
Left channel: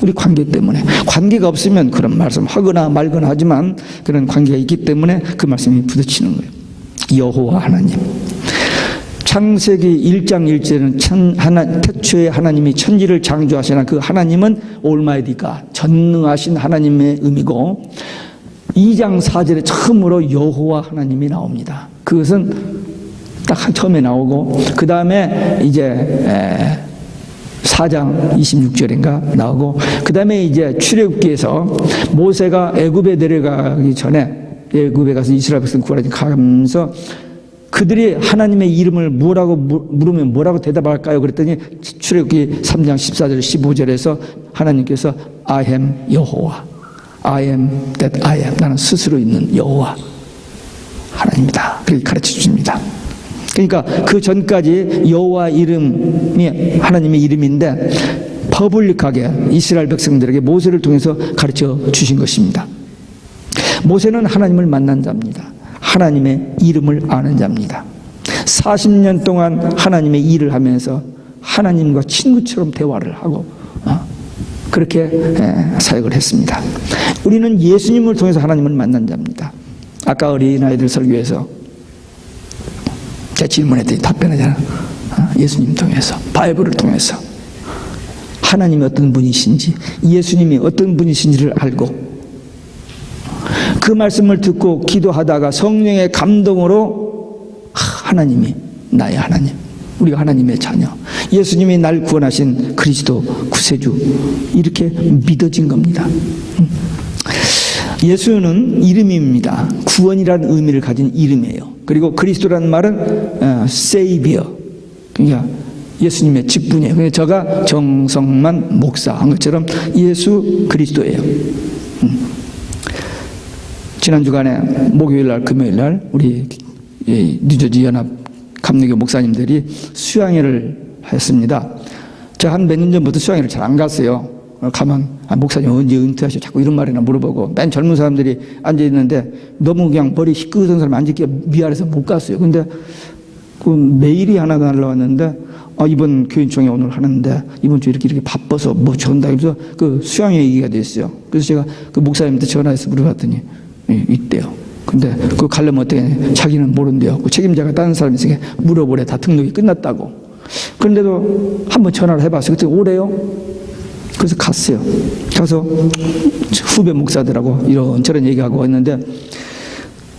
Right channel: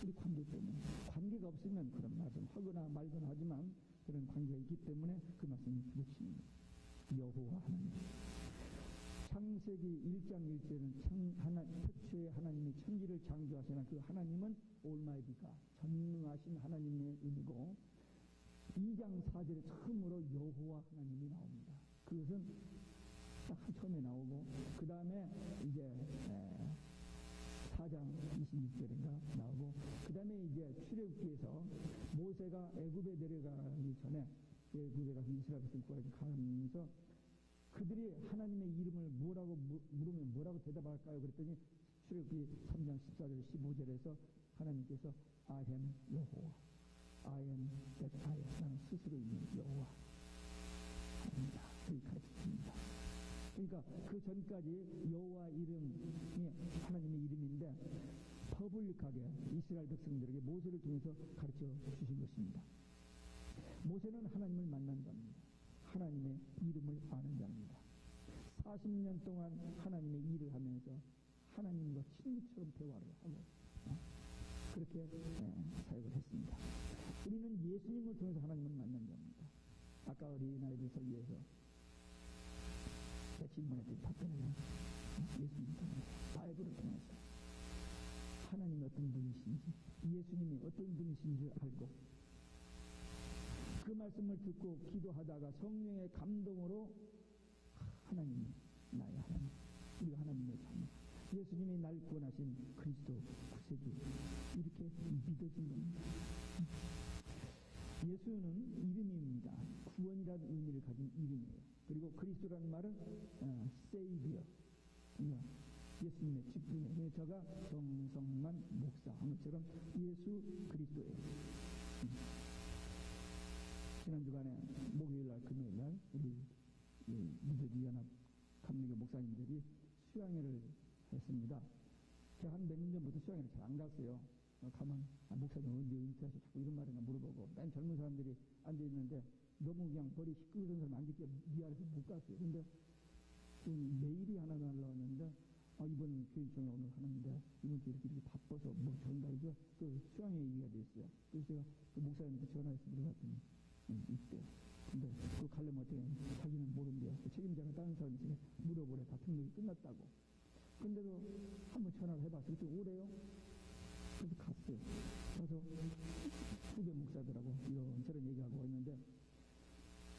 우리 관계 때문에. 관계가 없으면 그런 말씀 하거나 말거나 하지만 그런 관계가 있기 때문에 그 말씀이 부딪히는 거예요. 여호와 하나님. 창세기 1장 1절은 태초에 하나님이 천지를 창조하시나 그 하나님은 올마이디가 전능하신 하나님의 의미고, 2장 4절에 처음으로 여호와 하나님이 나옵니다. 그것은 딱 처음에 나오고 그 다음에 이제 4장 26절인가 나오고, 그 다음에 이제 출애굽기에서 모세가 애굽에 내려가기 전에 애굽에 가서 이스라엘 백성 구하면서 그들이 하나님의 이름을 뭐라고 물으면 뭐라고 대답할까요? 그랬더니 출애굽기 3장 14절 15절에서 하나님께서 I am 여호와, I am that I am, 나는 스스로 있는 여호와 하나님이다, 그렇게 가르쳐 주십니다. 그러니까 그 전까지 여호와 이름이 하나님의 이름인데 퍼블릭하게 이스라엘 백성들에게 모세를 통해서 가르쳐 주신 것입니다. 모세는 하나님을 만난 자입니다. 하나님의 이름을 아는 자입니다. 40년 동안 하나님의 일을 하면서 하나님과 친구처럼 대화를 하고 그렇게 사역을 했습니다. 우리는 예수님을 통해서 하나님을 만난 자입니다. 아까 어린아이들 설교에서 제가 질문했더니 답변하잖아. 예수님 통해서, 바이블을 통해서 하나님이 어떤 분이신지, 예수님이 어떤 분이신지를 알고 그 말씀을 듣고 기도하다가 성령의 감동으로 하나님이 나의 하나님, 우리가 하나님의 자녀, 예수님이 날 구원하신 그리스도 구세주, 이렇게 믿어진 겁니다. 예수는 이름입니다. 구원이라는 의미를 가진 이름이에요. 그리고 그리스도라는 말은 Savior, 그러니까 예수님의 직분이에요. 그러니까 저가 정성만 목사 한 것처럼 예수 그리스도예요. 지난 주간에 목요일 날, 금요일 날 우리 뉴저지 연합 감리교 목사님들이 수양회를 했습니다. 제가 한 몇 년 전부터 수양회를 잘 안 갔어요. 가면 목사님 언제 은퇴하셔? 자꾸 이런 말이나 물어보고, 맨 젊은 사람들이 앉아 있는데 너무 그냥 머리 희끗한 사람이 앉기가 미안해서 못 갔어요. 근데 그 메일이 하나 날라왔는데 이번 교인총회 오늘 하는데 이번 주 이렇게 바빠서 뭐 전다 그래서 그 수양회 얘기가 됐어요. 그래서 제가 그 목사님한테 전화해서 물어봤더니 있대요. 근데 그거 가려면 어떻게 해? 자기는 모른대요. 그 책임자가 다른 사람이 있으니까 물어보래. 다 등록이 끝났다고. 그런데도 한번 전화를 해봤어요. 그때 오래요. 그래서 갔어요. 가서 후배 목사들하고 이런저런 얘기하고 했는데,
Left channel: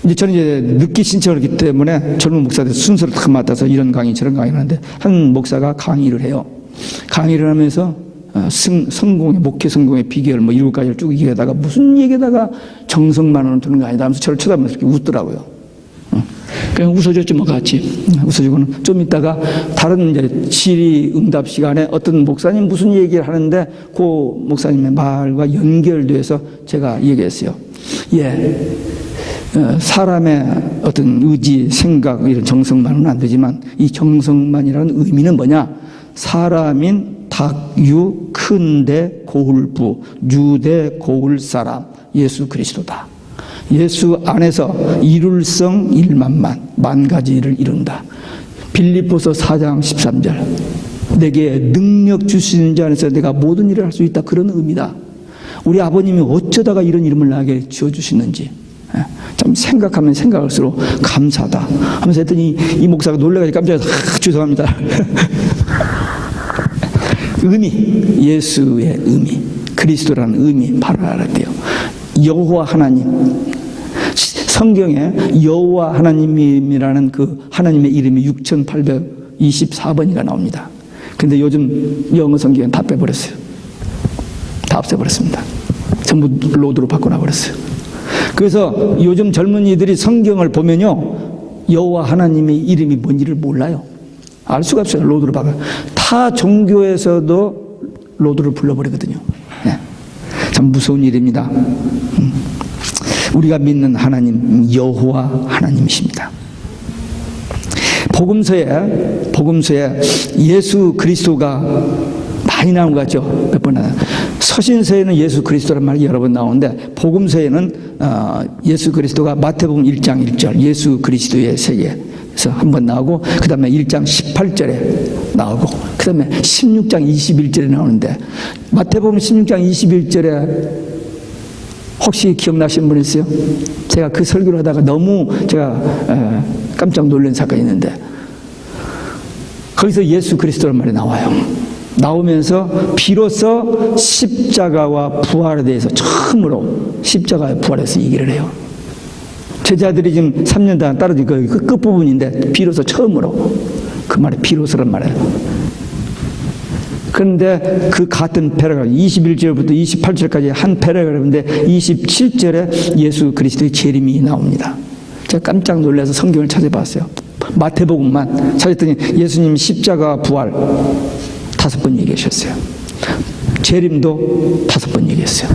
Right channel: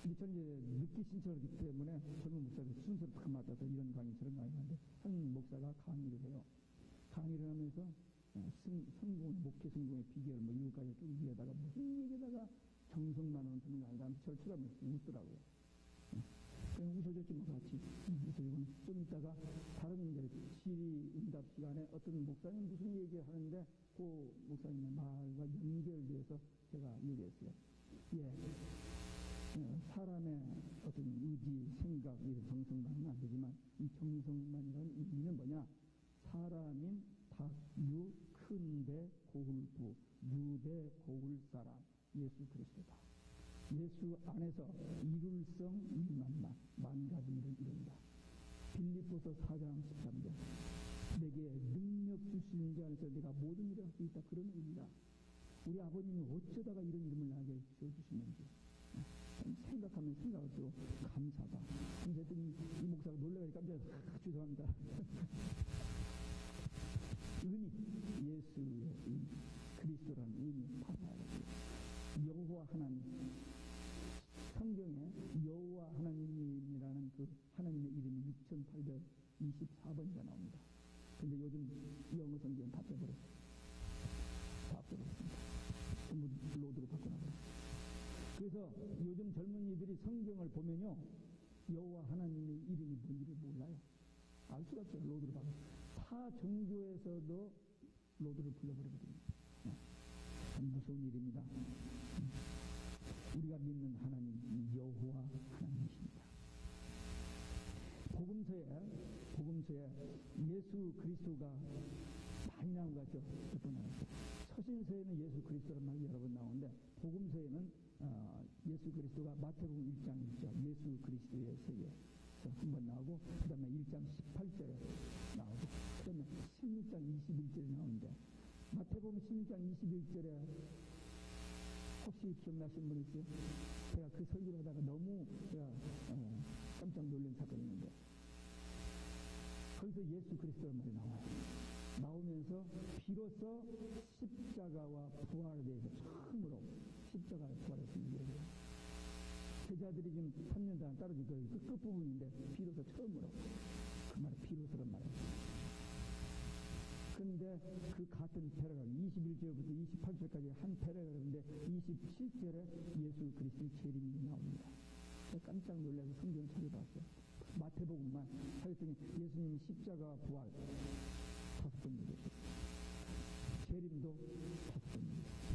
이제 저는 이제 늦게 신청을 했기 때문에 젊은 목사들 순서를 딱 맡아서 이런 강의 저런 강의를 하는데, 한 목사가 강의를 해요. 강의를 하면서 성공의, 목회 성공의 비결 뭐 7가지를 쭉 얘기하다가 무슨 얘기에다가 정성만으로는 되는 거 아니다 하면서 저를 쳐다보면서 이렇게 웃더라고요. 그냥 웃어줬지 뭐 같이. 웃어주고는 좀 있다가 다른 이제 질의응답 시간에 어떤 목사님 무슨 얘기를 하는데 그 목사님의 말과 연결돼서 제가 얘기했어요. 사람의 어떤 의지, 생각, 이런 정성만은 안 되지만 이 정성만이라는 의미는 뭐냐? 사람인 닭유 큰대 고울부 유대 고울 사람 예수 그리스도다. 예수 안에서 이룰성 일만만 만 가지 일을 이룬다. 빌립보서 4장 13절 내게 능력 주시는 자 안에서 내가 모든 일을 할 수 있다. 그런 의미다. 우리 아버님이 어쩌다가 이런 이름을 나에게 지어주시는지 참 생각하면 생각할수록 감사하다 하면서 했더니 이 목사가 놀라가지고 깜짝이야. 죄송합니다. 의미, 예수의 의미, 그리스도라는 의미 바로 알았대요. 여호와 하나님, 성경에 여호와 하나님이라는 그 하나님의 이름이 6824번이가 나옵니다. 근데 요즘 영어 성경은 다 빼버렸어요. 다 없애버렸습니다. 전부 로드로 바꿔놔버렸어요. 그래서 요즘 젊은이들이 성경을 보면요, 여호와 하나님의 이름이 뭔지를 몰라요. 알 수가 없어요. 로드로 바꿔. 타 종교에서도 로드를 불러버리거든요. 네. 참 무서운 일입니다. 우리가 믿는 하나님 여호와 하나님이십니다. 복음서에 예수 그리스도가 많이 나온 것 같죠? 몇 번 나와요. 서신서에는 예수 그리스도란 말이 여러 번 나오는데 복음서에는 예수 그리스도가 마태복음 1장 1절 예수 그리스도의 세계에서 한 번 나오고 그 다음에 1장 18절에 나오고 그 다음에 16장 21절에 나오는데 마태복음 16장 21절에 혹시 기억나시는 분 있어요? 제가 그 설교를 하다가 너무 제가 깜짝 놀란 사건이 있는데 거기서 예수 그리스도란 말이 나와요. 나오면서 비로소 십자가와 부활에 대해서 처음으로 십자가와 부활에 대해서 얘기를 해요. 제자들이 지금 3년 동안 따라진 그 끝부분인데 비로소 처음으로 그 말이 비로소란 말이에요. 그런데 그 같은 패러그래프 21절부터 28절까지 한 패러그래프인데 27절에 예수 그리스도의 재림이 나옵니다. 제가 깜짝 놀라서 성경을 찾아봤어요. 마태복음만 찾았더니 예수님 십자가 부활 5번 얘기하셨어요. 재림도 5번 얘기했어요.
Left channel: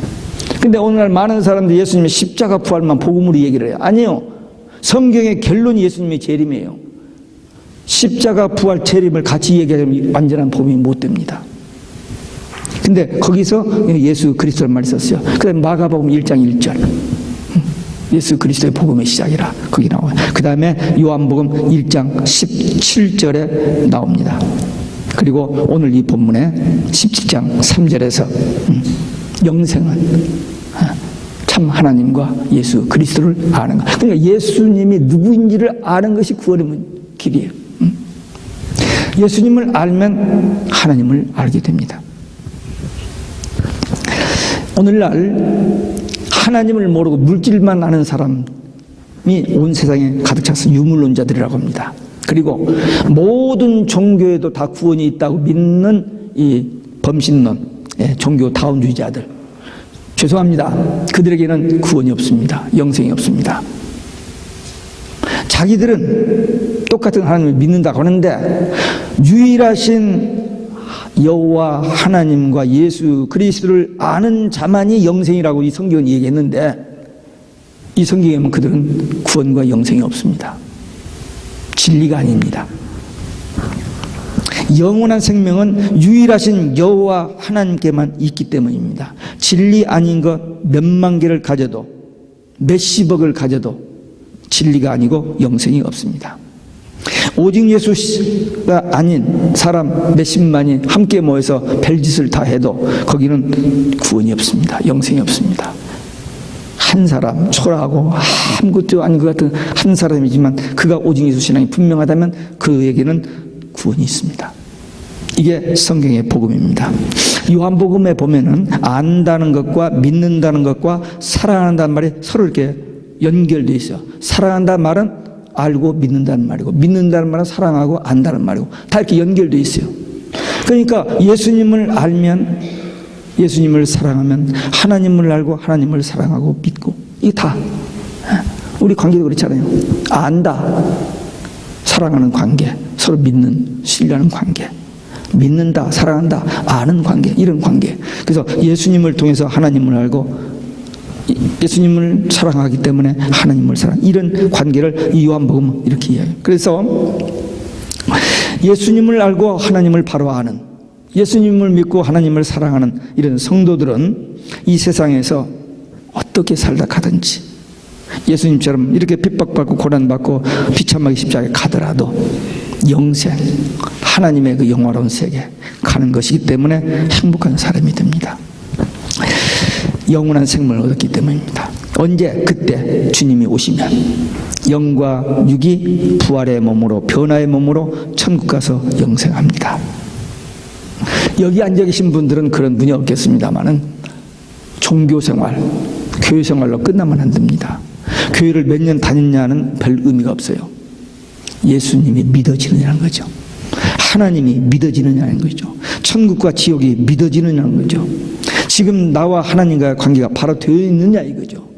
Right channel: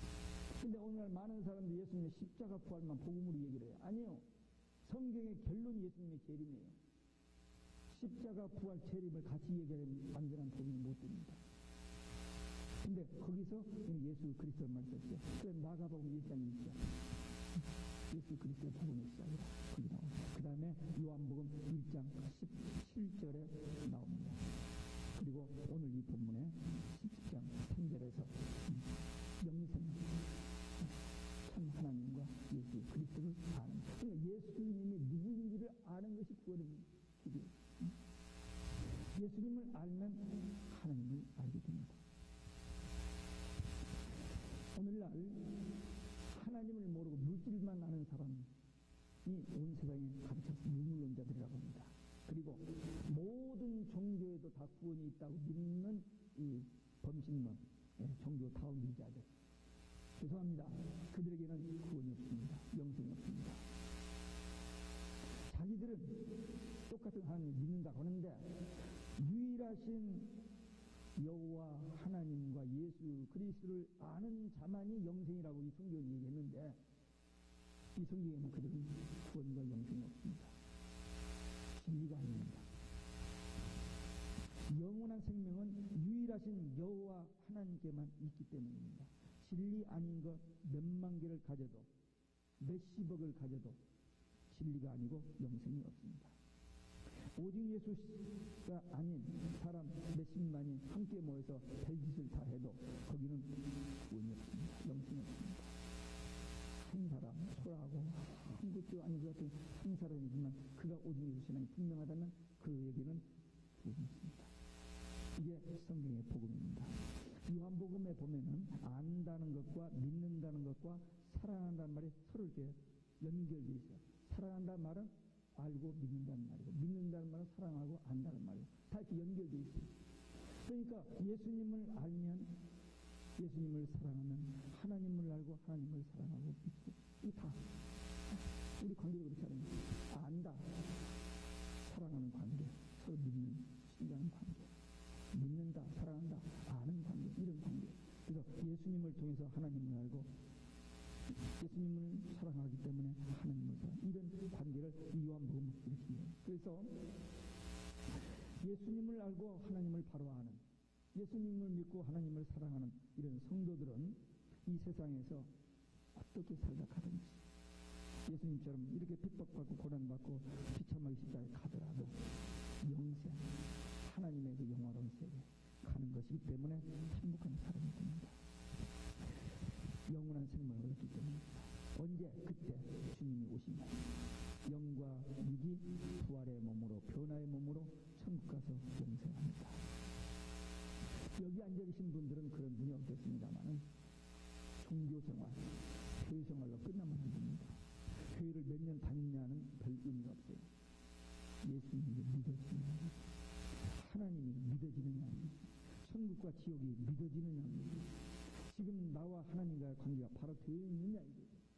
근데 오늘날 많은 사람들이 예수님의 십자가 부활만 복음으로 얘기를 해요. 아니요. 성경의 결론이 예수님의 재림이에요. 십자가 부활 재림을 같이 얘기하면 완전한 복음이 못 됩니다. 근데 거기서 예수 그리스도란 말이 있었어요. 그 다음에 마가복음 1장 1절 예수 그리스도의 복음의 시작이라 거기 나와요. 그 다음에 요한복음 1장 17절에 나옵니다. 그리고 오늘 이 본문에 17장 3절에서 영생은 참 하나님과 예수 그리스도를 아는 것. 그러니까 예수님이 누구인지를 아는 것이 구원의 길이에요. 예수님을 알면 하나님을 알게 됩니다. 오늘날 하나님을 모르고 물질만 아는 사람이 온 세상에 가득 차서 유물론자들이라고 합니다. 그리고 모든 종교에도 다 구원이 있다고 믿는 이 범신론, 종교 다운주의자들. 죄송합니다. 그들에게는 구원이 없습니다. 영생이 없습니다. 자기들은 똑같은 하나님을 믿는다고 하는데 유일하신 여호와 하나님과 예수 그리스도를 아는 자만이 영생이라고 이 성경은 얘기했는데 이 성경에 보면 그들은 구원과 영생이 없습니다. 진리가 아닙니다. 영원한 생명은 유일하신 여호와 하나님께만 있기 때문입니다. 진리 아닌 것 몇만 개를 가져도 몇십억을 가져도 진리가 아니고 영생이 없습니다. 오직 예수가 아닌 사람 몇십만이 함께 모여서 별짓을 다 해도 거기는 구원이 없습니다. 영생이 없습니다. 한 사람 초라하고 아무것도 아닌 것 같은 한 사람이지만 그가 오직 예수 신앙이 분명하다면 그에게는 구원이 있습니다. 이게 성경의 복음입니다. 요한복음에 보면은 안다는 것과 믿는다는 것과 사랑한다는 말이 서로 이렇게 연결되어 있어요. 사랑한다는 말은 알고 믿는다는 말이고 믿는다는 말은 사랑하고 안다는 말이고 다 이렇게 연결되어 있어요. 그러니까 예수님을 알면 예수님을 사랑하면 하나님을 알고 하나님을 사랑하고 믿고 이게 다 우리 관계도 그렇잖아요. 안다, 사랑하는 관계, 서로 믿는, 신뢰하는 관계, 믿는다, 사랑한다, 아는 관계, 이런 관계. 그래서 예수님을 통해서 하나님을 알고 예수님을 사랑하기 때문에 하나님을 사랑, 이런 관계를 이 요한복음은 이렇게 이야기해요. 그래서 예수님을 알고 하나님을 바로 아는 예수님을 믿고 하나님을 사랑하는 이런 성도들은 이 세상에서 어떻게 살다 가든지 예수님처럼 이렇게 핍박받고 고난받고 비참하게 십자가에 가더라도 영생, 하나님의 그 영화로운 세계 가는 것이기 때문에 행복한 사람이 됩니다. 영원한 생명을 얻었기 때문입니다. 언제? 그때 주님이 오시면 영과 육이 부활의 몸으로 변화의 몸으로 천국 가서 영생합니다. 여기 앉아 계신 분들은 그런 분이 없겠습니다만은 종교생활, 교회생활로 끝나면 안 됩니다. 교회를 몇 년 다녔냐는 별 의미가 없어요. 예수님이 믿어지느냐는 거죠. 하나님이 믿어지느냐는 거죠. 천국과 지옥이 믿어지느냐는 거죠. 지금 나와 하나님과의 관계가 바로 되어 있느냐 이거죠.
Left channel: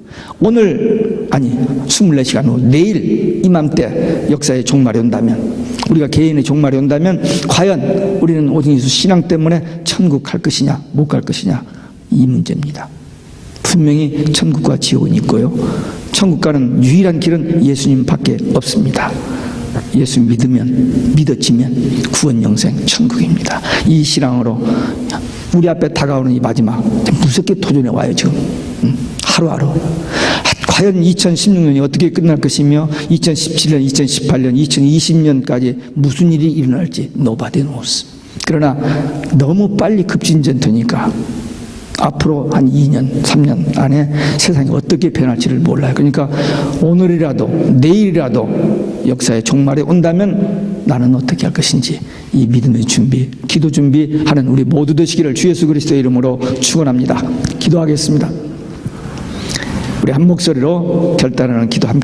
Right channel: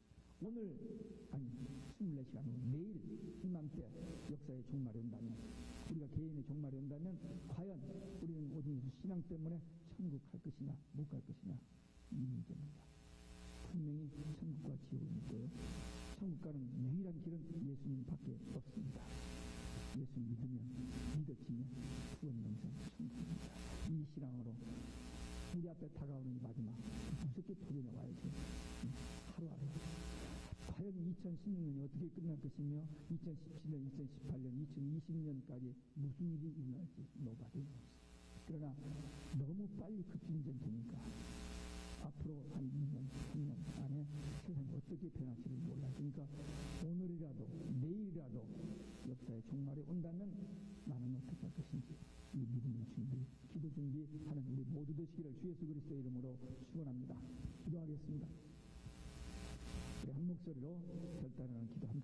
오늘 아니 24시간 후 내일 이맘때 역사의 종말이 온다면, 우리가 개인의 종말이 온다면 과연 우리는 오직 예수 신앙 때문에 천국 갈 것이냐 못 갈 것이냐 이 문제입니다. 분명히 천국과 지옥은 있고요, 천국 가는 유일한 길은 예수님밖에 없습니다. 예수 믿어지면 구원, 영생, 천국입니다. 이 신앙으로 우리 앞에 다가오는 이 마지막 무섭게 도전해 와요. 지금 하루하루. 과연 2016년이 어떻게 끝날 것이며 2017년, 2018년, 2020년까지 무슨 일이 일어날지 nobody knows. 그러나 너무 빨리 급진전되니까 앞으로 한 2년, 3년 안에 세상이 어떻게 변할지를 몰라요. 그러니까 오늘이라도 내일이라도 역사의 종말이 온다면 나는 어떻게 할 것인지 이 믿음의 준비, 기도 준비하는 우리 모두 되시기를 주 예수 그리스도의 이름으로 축원합니다. 기도하겠습니다. 우리 한 목소리로 결단하는 기도 함께